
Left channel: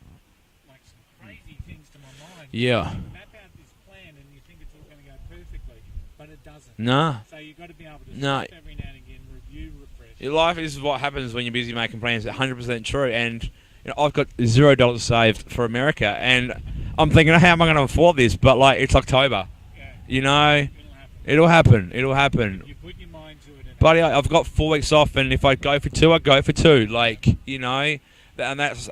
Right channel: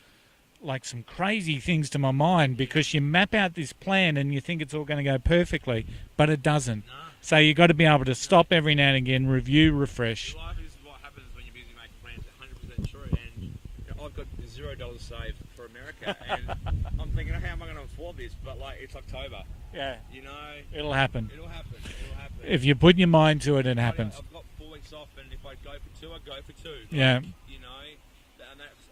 like some crazy things to my mind because you map out this plan and you think it's all going to go perfectly, but it doesn't. No. So you've got to be able to stop every now and again, review, refresh. Your life is what happens when you're busy making plans. 100% true. And I've got $0 saved for America, and I'm thinking, how am I going to afford this? But it's October. Yeah. It'll happen. It'll happen. If you put your mind to it, and buddy, I've got 4 weeks off, and if I go for 2, I go for 2. And that's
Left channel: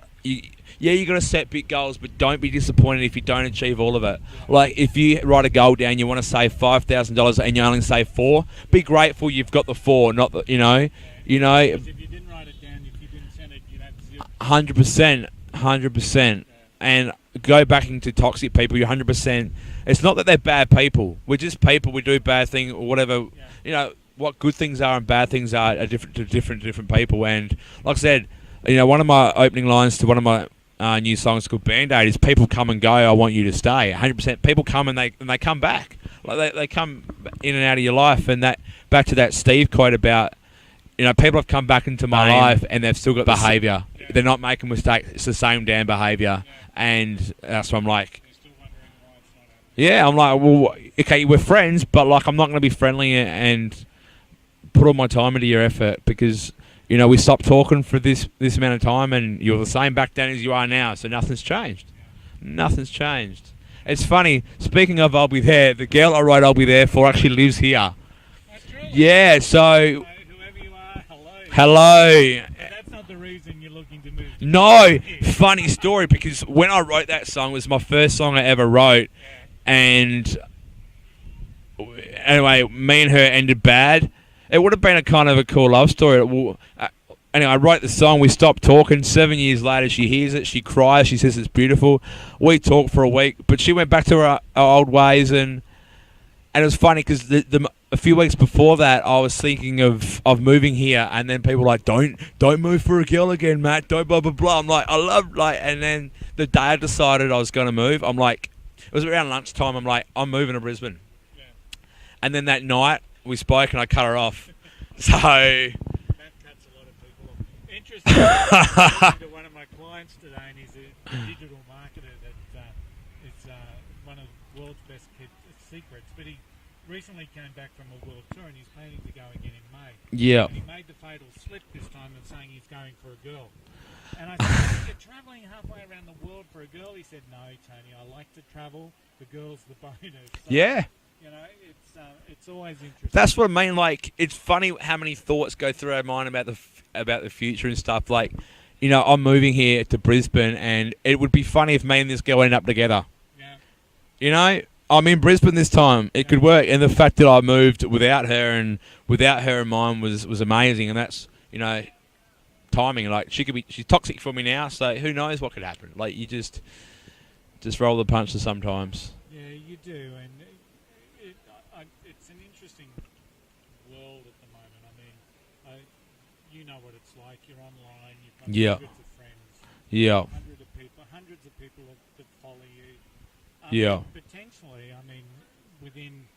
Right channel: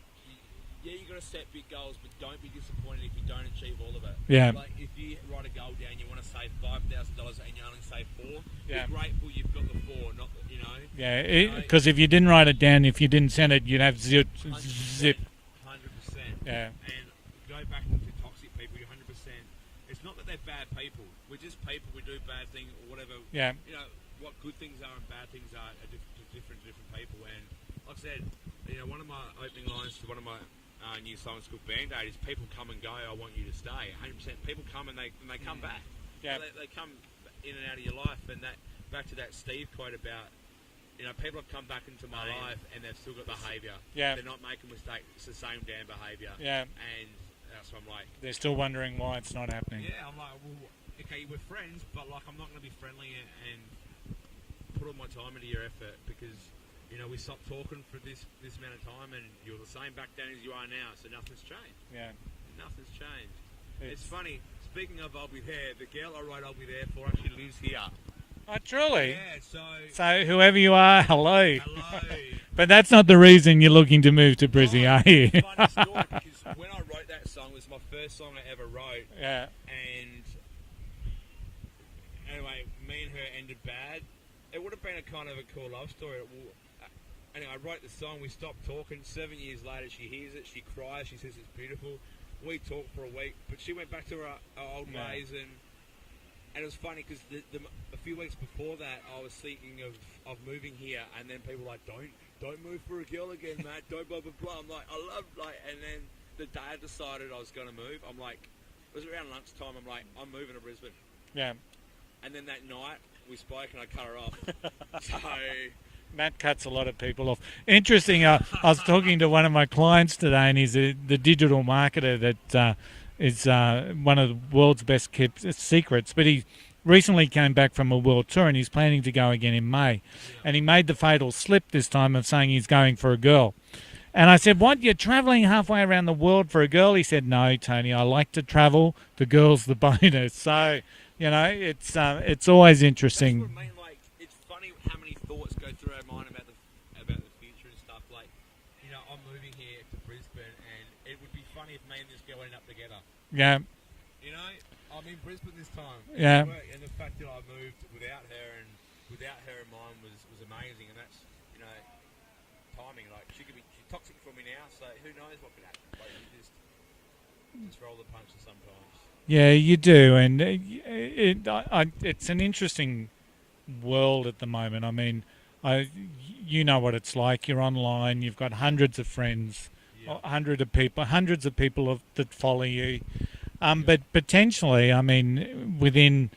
you got to set big goals, but don't be disappointed if you don't achieve all of it. Yeah. Like if you write a goal down, you want to save $5,000 and you only save 4. Be grateful you've got the 4, not the because if you didn't write it down, if you didn't send it, you'd have 0. 100%. Yeah. And go back into toxic people. You're 100%. It's not that they're bad people. We're just people. We do bad things or whatever. Yeah. What good things are and bad things are different to different people. And like I said, one of my opening lines to one of my new songs called Band-Aid is people come and go, I want you to stay. 100%. People come and they come back. Yeah. Like they come in and out of your life. And that back to that Steve quote about, people have come back into my life and they've still got behaviour. Yeah. They're not making mistakes. It's the same damn behaviour. Yeah. And that's what I'm like. They're still wondering why it's not happening. Yeah, I'm like, well, okay, we're friends, but I'm not going to be friendly and put all my time into your effort because... we stopped talking for this amount of time, and you're the same back then as you are now, so nothing's changed. Yeah. Nothing's changed. Yeah. It's funny, speaking of I'll Be There, the girl I wrote I'll Be There for actually lives here. Oh, truly? Yeah, so whoever you are, hello. Hello. But that's not the reason you're looking to move to Brisbane. No, funny story, because when I wrote that song, it was my first song I ever wrote, and anyway, me and her ended bad. It would have been a kind of a cool love story. anyway, I wrote the song. We stopped talking. 7 years later, she hears it. She cries. She says it's beautiful. We talked for a week, but she went back to her old ways, and it was funny because a few weeks before that, I was thinking of moving here, and then people were like, don't move for a girl again, Matt. Don't blah blah blah. I'm like, and then the day I decided I was going to move, I'm like, it was around lunchtime. I'm like, I'm moving to Brisbane. Yeah. And then that night we spoke, and I cut her off. So. Matt cuts a lot of people off. Interesting. I was talking to one of my clients today, and he's the digital marketer that is one of the world's best kept secrets. But he recently came back from a world tour, and he's planning to go again in May. Yeah. And he made the fatal slip this time of saying he's going for a girl. And I said, what, you're travelling halfway around the world for a girl? He said, no, Tony, I like to travel. The girl's the bonus. So, yeah. You know, it's always interesting. That's what I mean. Like, it's funny how many thoughts go through our mind about the future and stuff. Like, you know, I'm moving here to Brisbane, and it would be funny if me and this girl end up together. Yeah. You know, I'm in Brisbane this time. It could work, and the fact that I moved without her in mind was amazing. And that's, you know, timing. Like, she's toxic for me now, so who knows what could happen. Like, you just roll the punches sometimes. Yeah, you do, and it's an interesting world at the moment. I mean, you know what it's like. You're online. You've got hundreds of friends. Yeah. Hundreds of people that follow you. But potentially, I mean, within,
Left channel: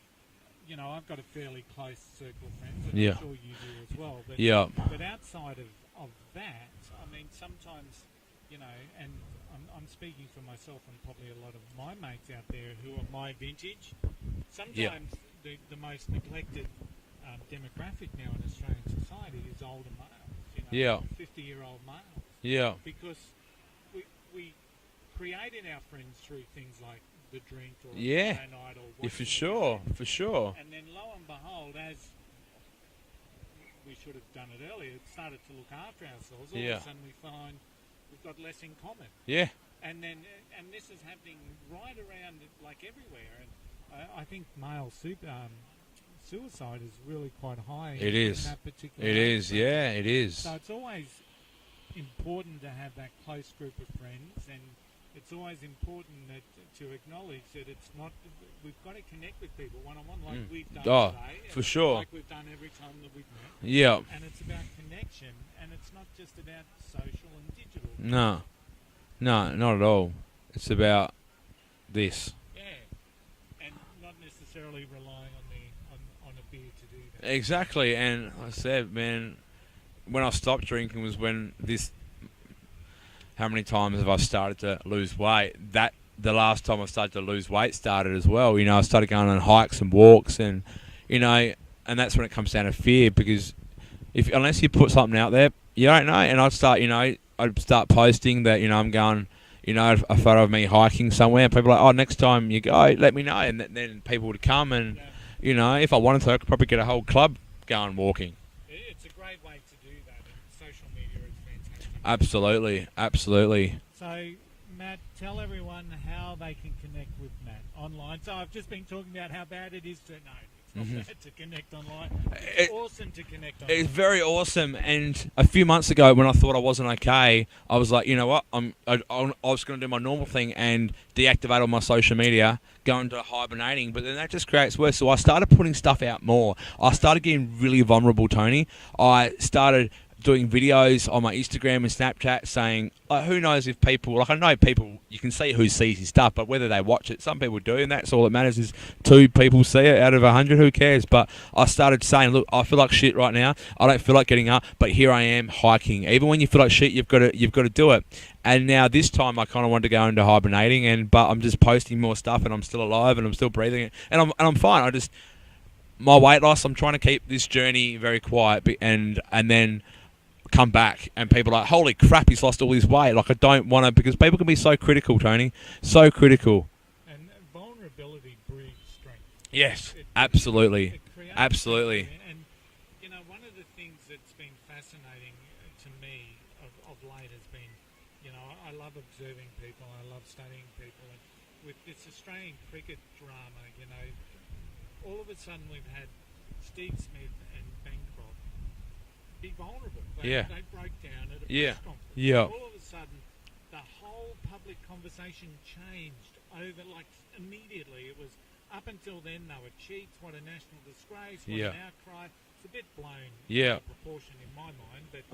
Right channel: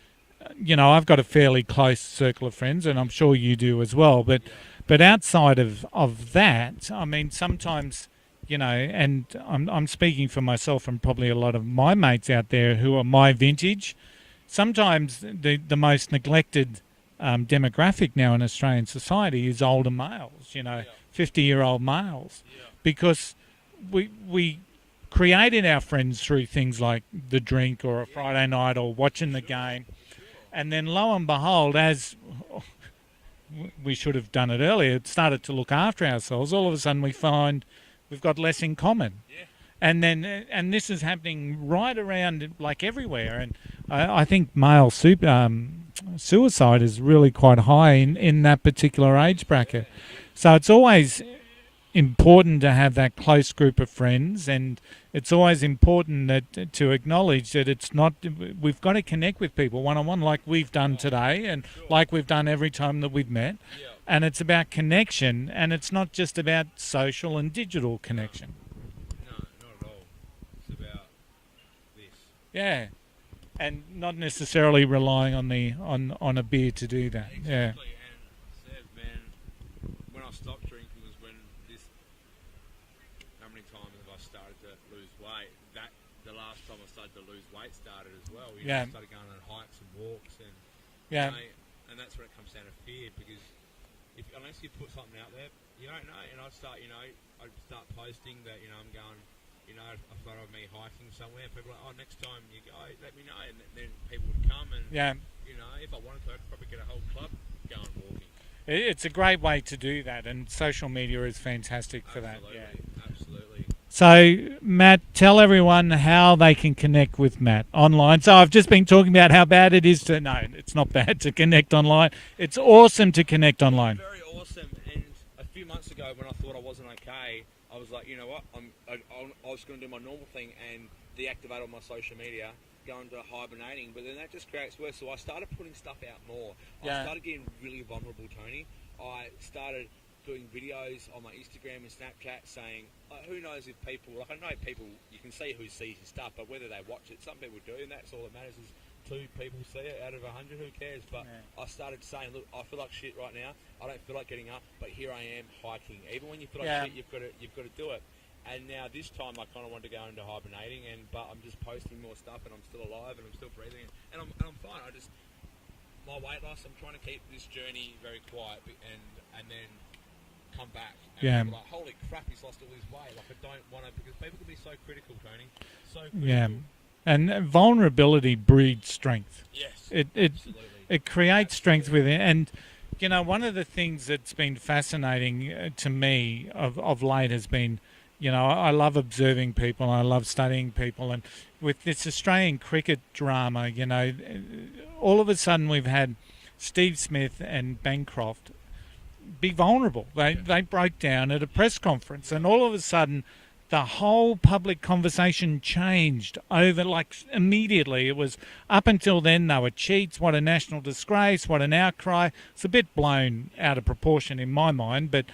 you know, I've got a fairly close circle of friends, and I'm sure you do as well. But outside of that, I mean, sometimes, you know, and I'm speaking for myself and probably a lot of my mates out there who are my vintage. Sometimes the most neglected demographic now in Australian society is older males, you know, 50-year-old males. Yeah. Because we created our friends through things like the drink or a Friday night or watching the game. For sure. And then lo and behold, as we should have done it earlier, it started to look after ourselves. All of a sudden we find we've got less in common. Yeah. And this is happening right around, like, everywhere. And I think male suicide is really quite high in that particular age bracket. Yeah, it is. So it's always important to have that close group of friends, and it's always important that to acknowledge that it's not. We've got to connect with people one-on-one, like we've done today, and like we've done every time that we've met. Yeah. And it's about connection, and it's not just about social and digital connection. No, not at all. It's about this. Yeah. And not necessarily relying on a beer to do that. Exactly. Yeah. And I said, man, when I stopped drinking was when this. How many times have I started to lose weight? That the last time I started to lose weight started as well. You know, I started going on hikes and walks, and you know, and that's when it comes down to fear, because unless you put something out there, you don't know. And I'd start posting that, you know, I'm going, you know, a photo of me hiking somewhere, and people are like, oh, next time you go, let me know, and then people would come, and you know, if I wanted to, I could probably get a whole club going walking. It's a great way to do that, and social media is fantastic. Absolutely. So, Matt, tell everyone how they can connect with Matt online. So I've just been talking about how bad it is to... No, it's not bad to connect online. It's awesome to connect online. It's very awesome. And a few months ago, when I thought I wasn't okay, I was like, you know what? I was going to do my normal thing and deactivate all my social media, go into hibernating, but then that just creates worse. So I started putting stuff out more. I started getting really vulnerable, Tony. I started doing videos on my Instagram and Snapchat saying, who knows if people, like, I know people, you can see who sees your stuff, but whether they watch it, some people do, and that's all that matters is 2 people see it out of 100, who cares? But I started saying, look, I feel like shit right now. I don't feel like getting up, but here I am hiking. Even when you feel like shit, you've got to do it. And now this time I kind of wanted to go into hibernating, but I'm just posting more stuff, and I'm still alive, and I'm still breathing, and I'm fine. My weight loss, I'm trying to keep this journey very quiet, and then come back, and people are like, holy crap, he's lost all his weight. Like, I don't want to, because people can be so critical, Tony, so critical. And vulnerability breeds strength. Yes, absolutely. It creates strength within. And, you know, one of the things that's been fascinating to me of late has been, you know, I love observing people, I love studying people, and with this Australian cricket drama, you know, all of a sudden we've had Steve Smith and Bancroft be vulnerable. Yeah. They broke down at a Yeah. press conference, Yeah. and all of a sudden, the whole public conversation changed over immediately. It was up until then they were cheats. What a national disgrace! What an outcry! It's a bit blown out of proportion in my mind, but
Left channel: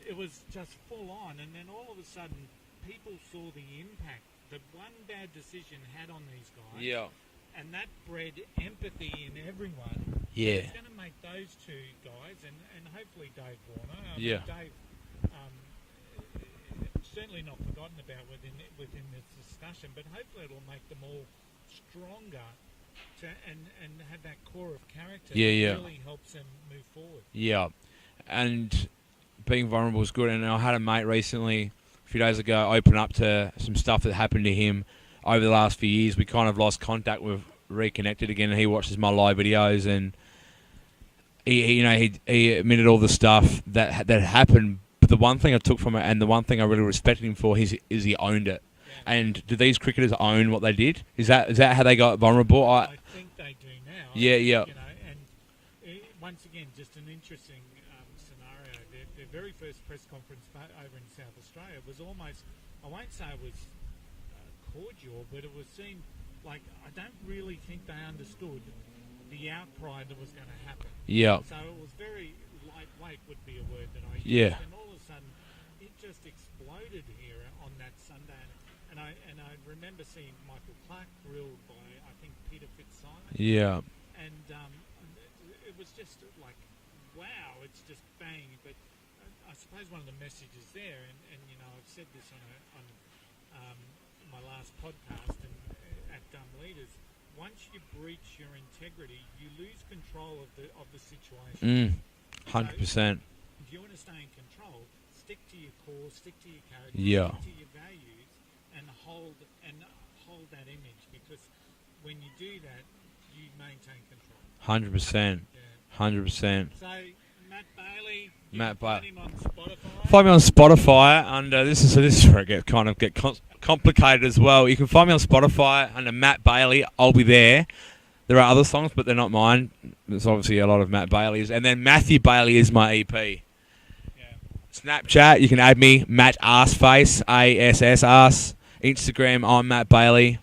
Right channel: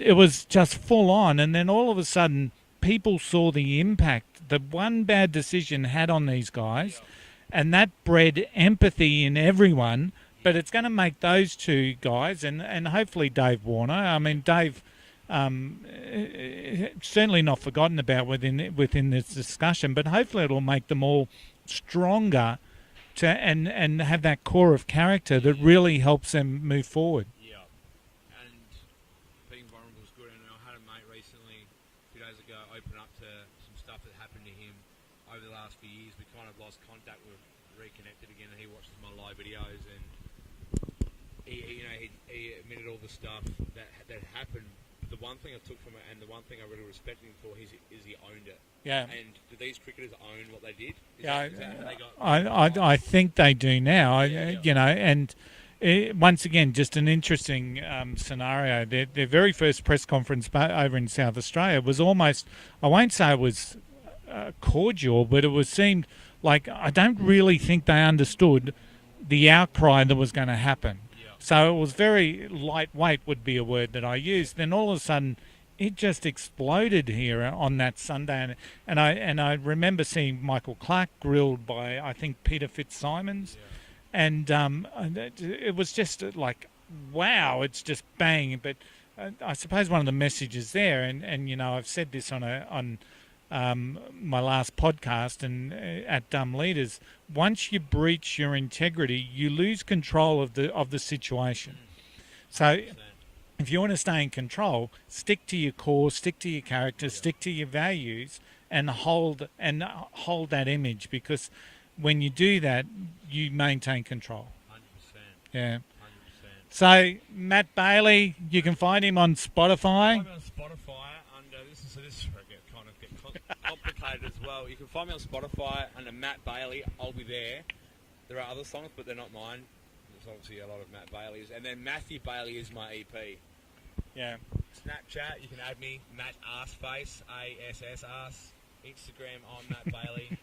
it was just full on. And then all of a sudden, people saw the impact that one bad decision had on these guys. Yeah. And that bred empathy in everyone, but Yeah. it's going to make those two guys and hopefully Dave Warner. I mean, Dave, certainly not forgotten about within this discussion, but hopefully it'll make them all stronger and have that core of character that really helps them move forward. Yeah, and being vulnerable is good. And I had a mate recently, a few days ago, open up to some stuff that happened to him over the last few years. We kind of lost contact. We've reconnected again, and he watches my live videos, and he admitted all the stuff that happened. But the one thing I took from it, and the one thing I really respected him for, is he owned it. Yeah. And do these cricketers own what they did? Is that how they got vulnerable? I think they do now. Yeah. You know, and once again, just an interesting scenario. Their very first press conference over in South Australia was almost, I won't say it was cordial, but it seemed like I don't really think they understood the outcry that was going to happen. Yeah. So it was very lightweight would be a word that I used. Yeah. Then all of a sudden, it just exploded here on that Sunday, and I remember seeing Michael Clark grilled by I think Peter Fitzsimons. Yeah. And it was just like, wow, it's just bang. But I suppose one of the messages there, and you know, I've said this on my last podcast and at Dumb Leaders, once you breach your integrity, you lose control of the situation. 100%. So if you want to stay in control, stick to your core, stick to your character, stick to your values, and hold that image, because when you do that, you maintain control. 100%. Yeah. 100%. So Matt Bailey, you can find him on Spotify. Find me on Spotify under this is where it get complicated as well. You can find me on Spotify under Matt Bailey. I'll be there. There are other songs, but they're not mine. There's obviously a lot of Matt Bailey's, and then Matthew Bailey is my EP. Yeah. Snapchat, you can add me, Matt Arseface, ASS Arse. Instagram, I'm Matt Bailey.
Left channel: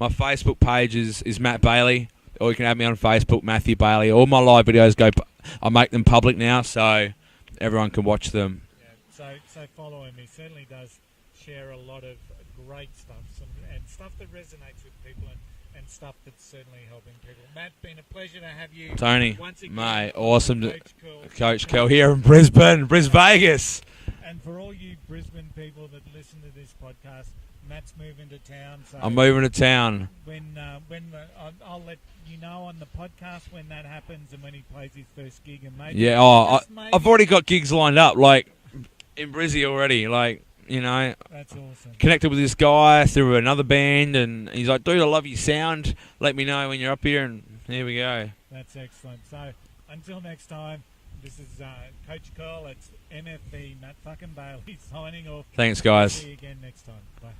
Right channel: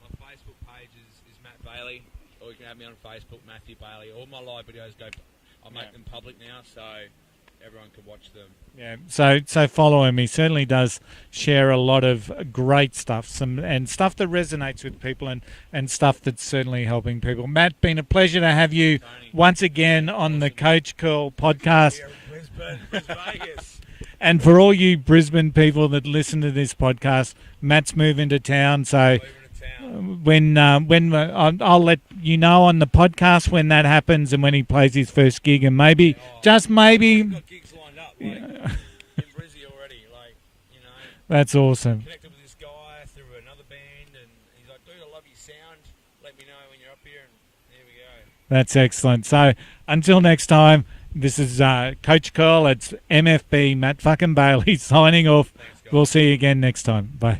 My Facebook page is Matt Bailey, or you can add me on Facebook, Matthew Bailey. All my live videos I make them public now, so everyone can watch them. Yeah. So follow him. He certainly does share a lot of great stuff, and stuff that resonates with people, and stuff that's certainly helping people. Matt, been a pleasure to have you, Tony, once again, mate, on awesome the Coach Curl podcast. Coach Curl here in Brisbane, Vegas. And for all you Brisbane people that listen to this podcast, Matt's moving to town. So I'm moving to town. When I'll let you know on the podcast when that happens and when he plays his first gig, and maybe maybe I've already got gigs lined up, like in Brizzy already. Like, you know, that's awesome. Connected with this guy through another band, and he's like, "Dude, I love your sound. Let me know when you're up here." And here we go. That's excellent. So until next time. This is Coach Curl. It's MFB, Matt fucking Bailey, signing off. Thanks, guys. We'll see you again next time. Bye.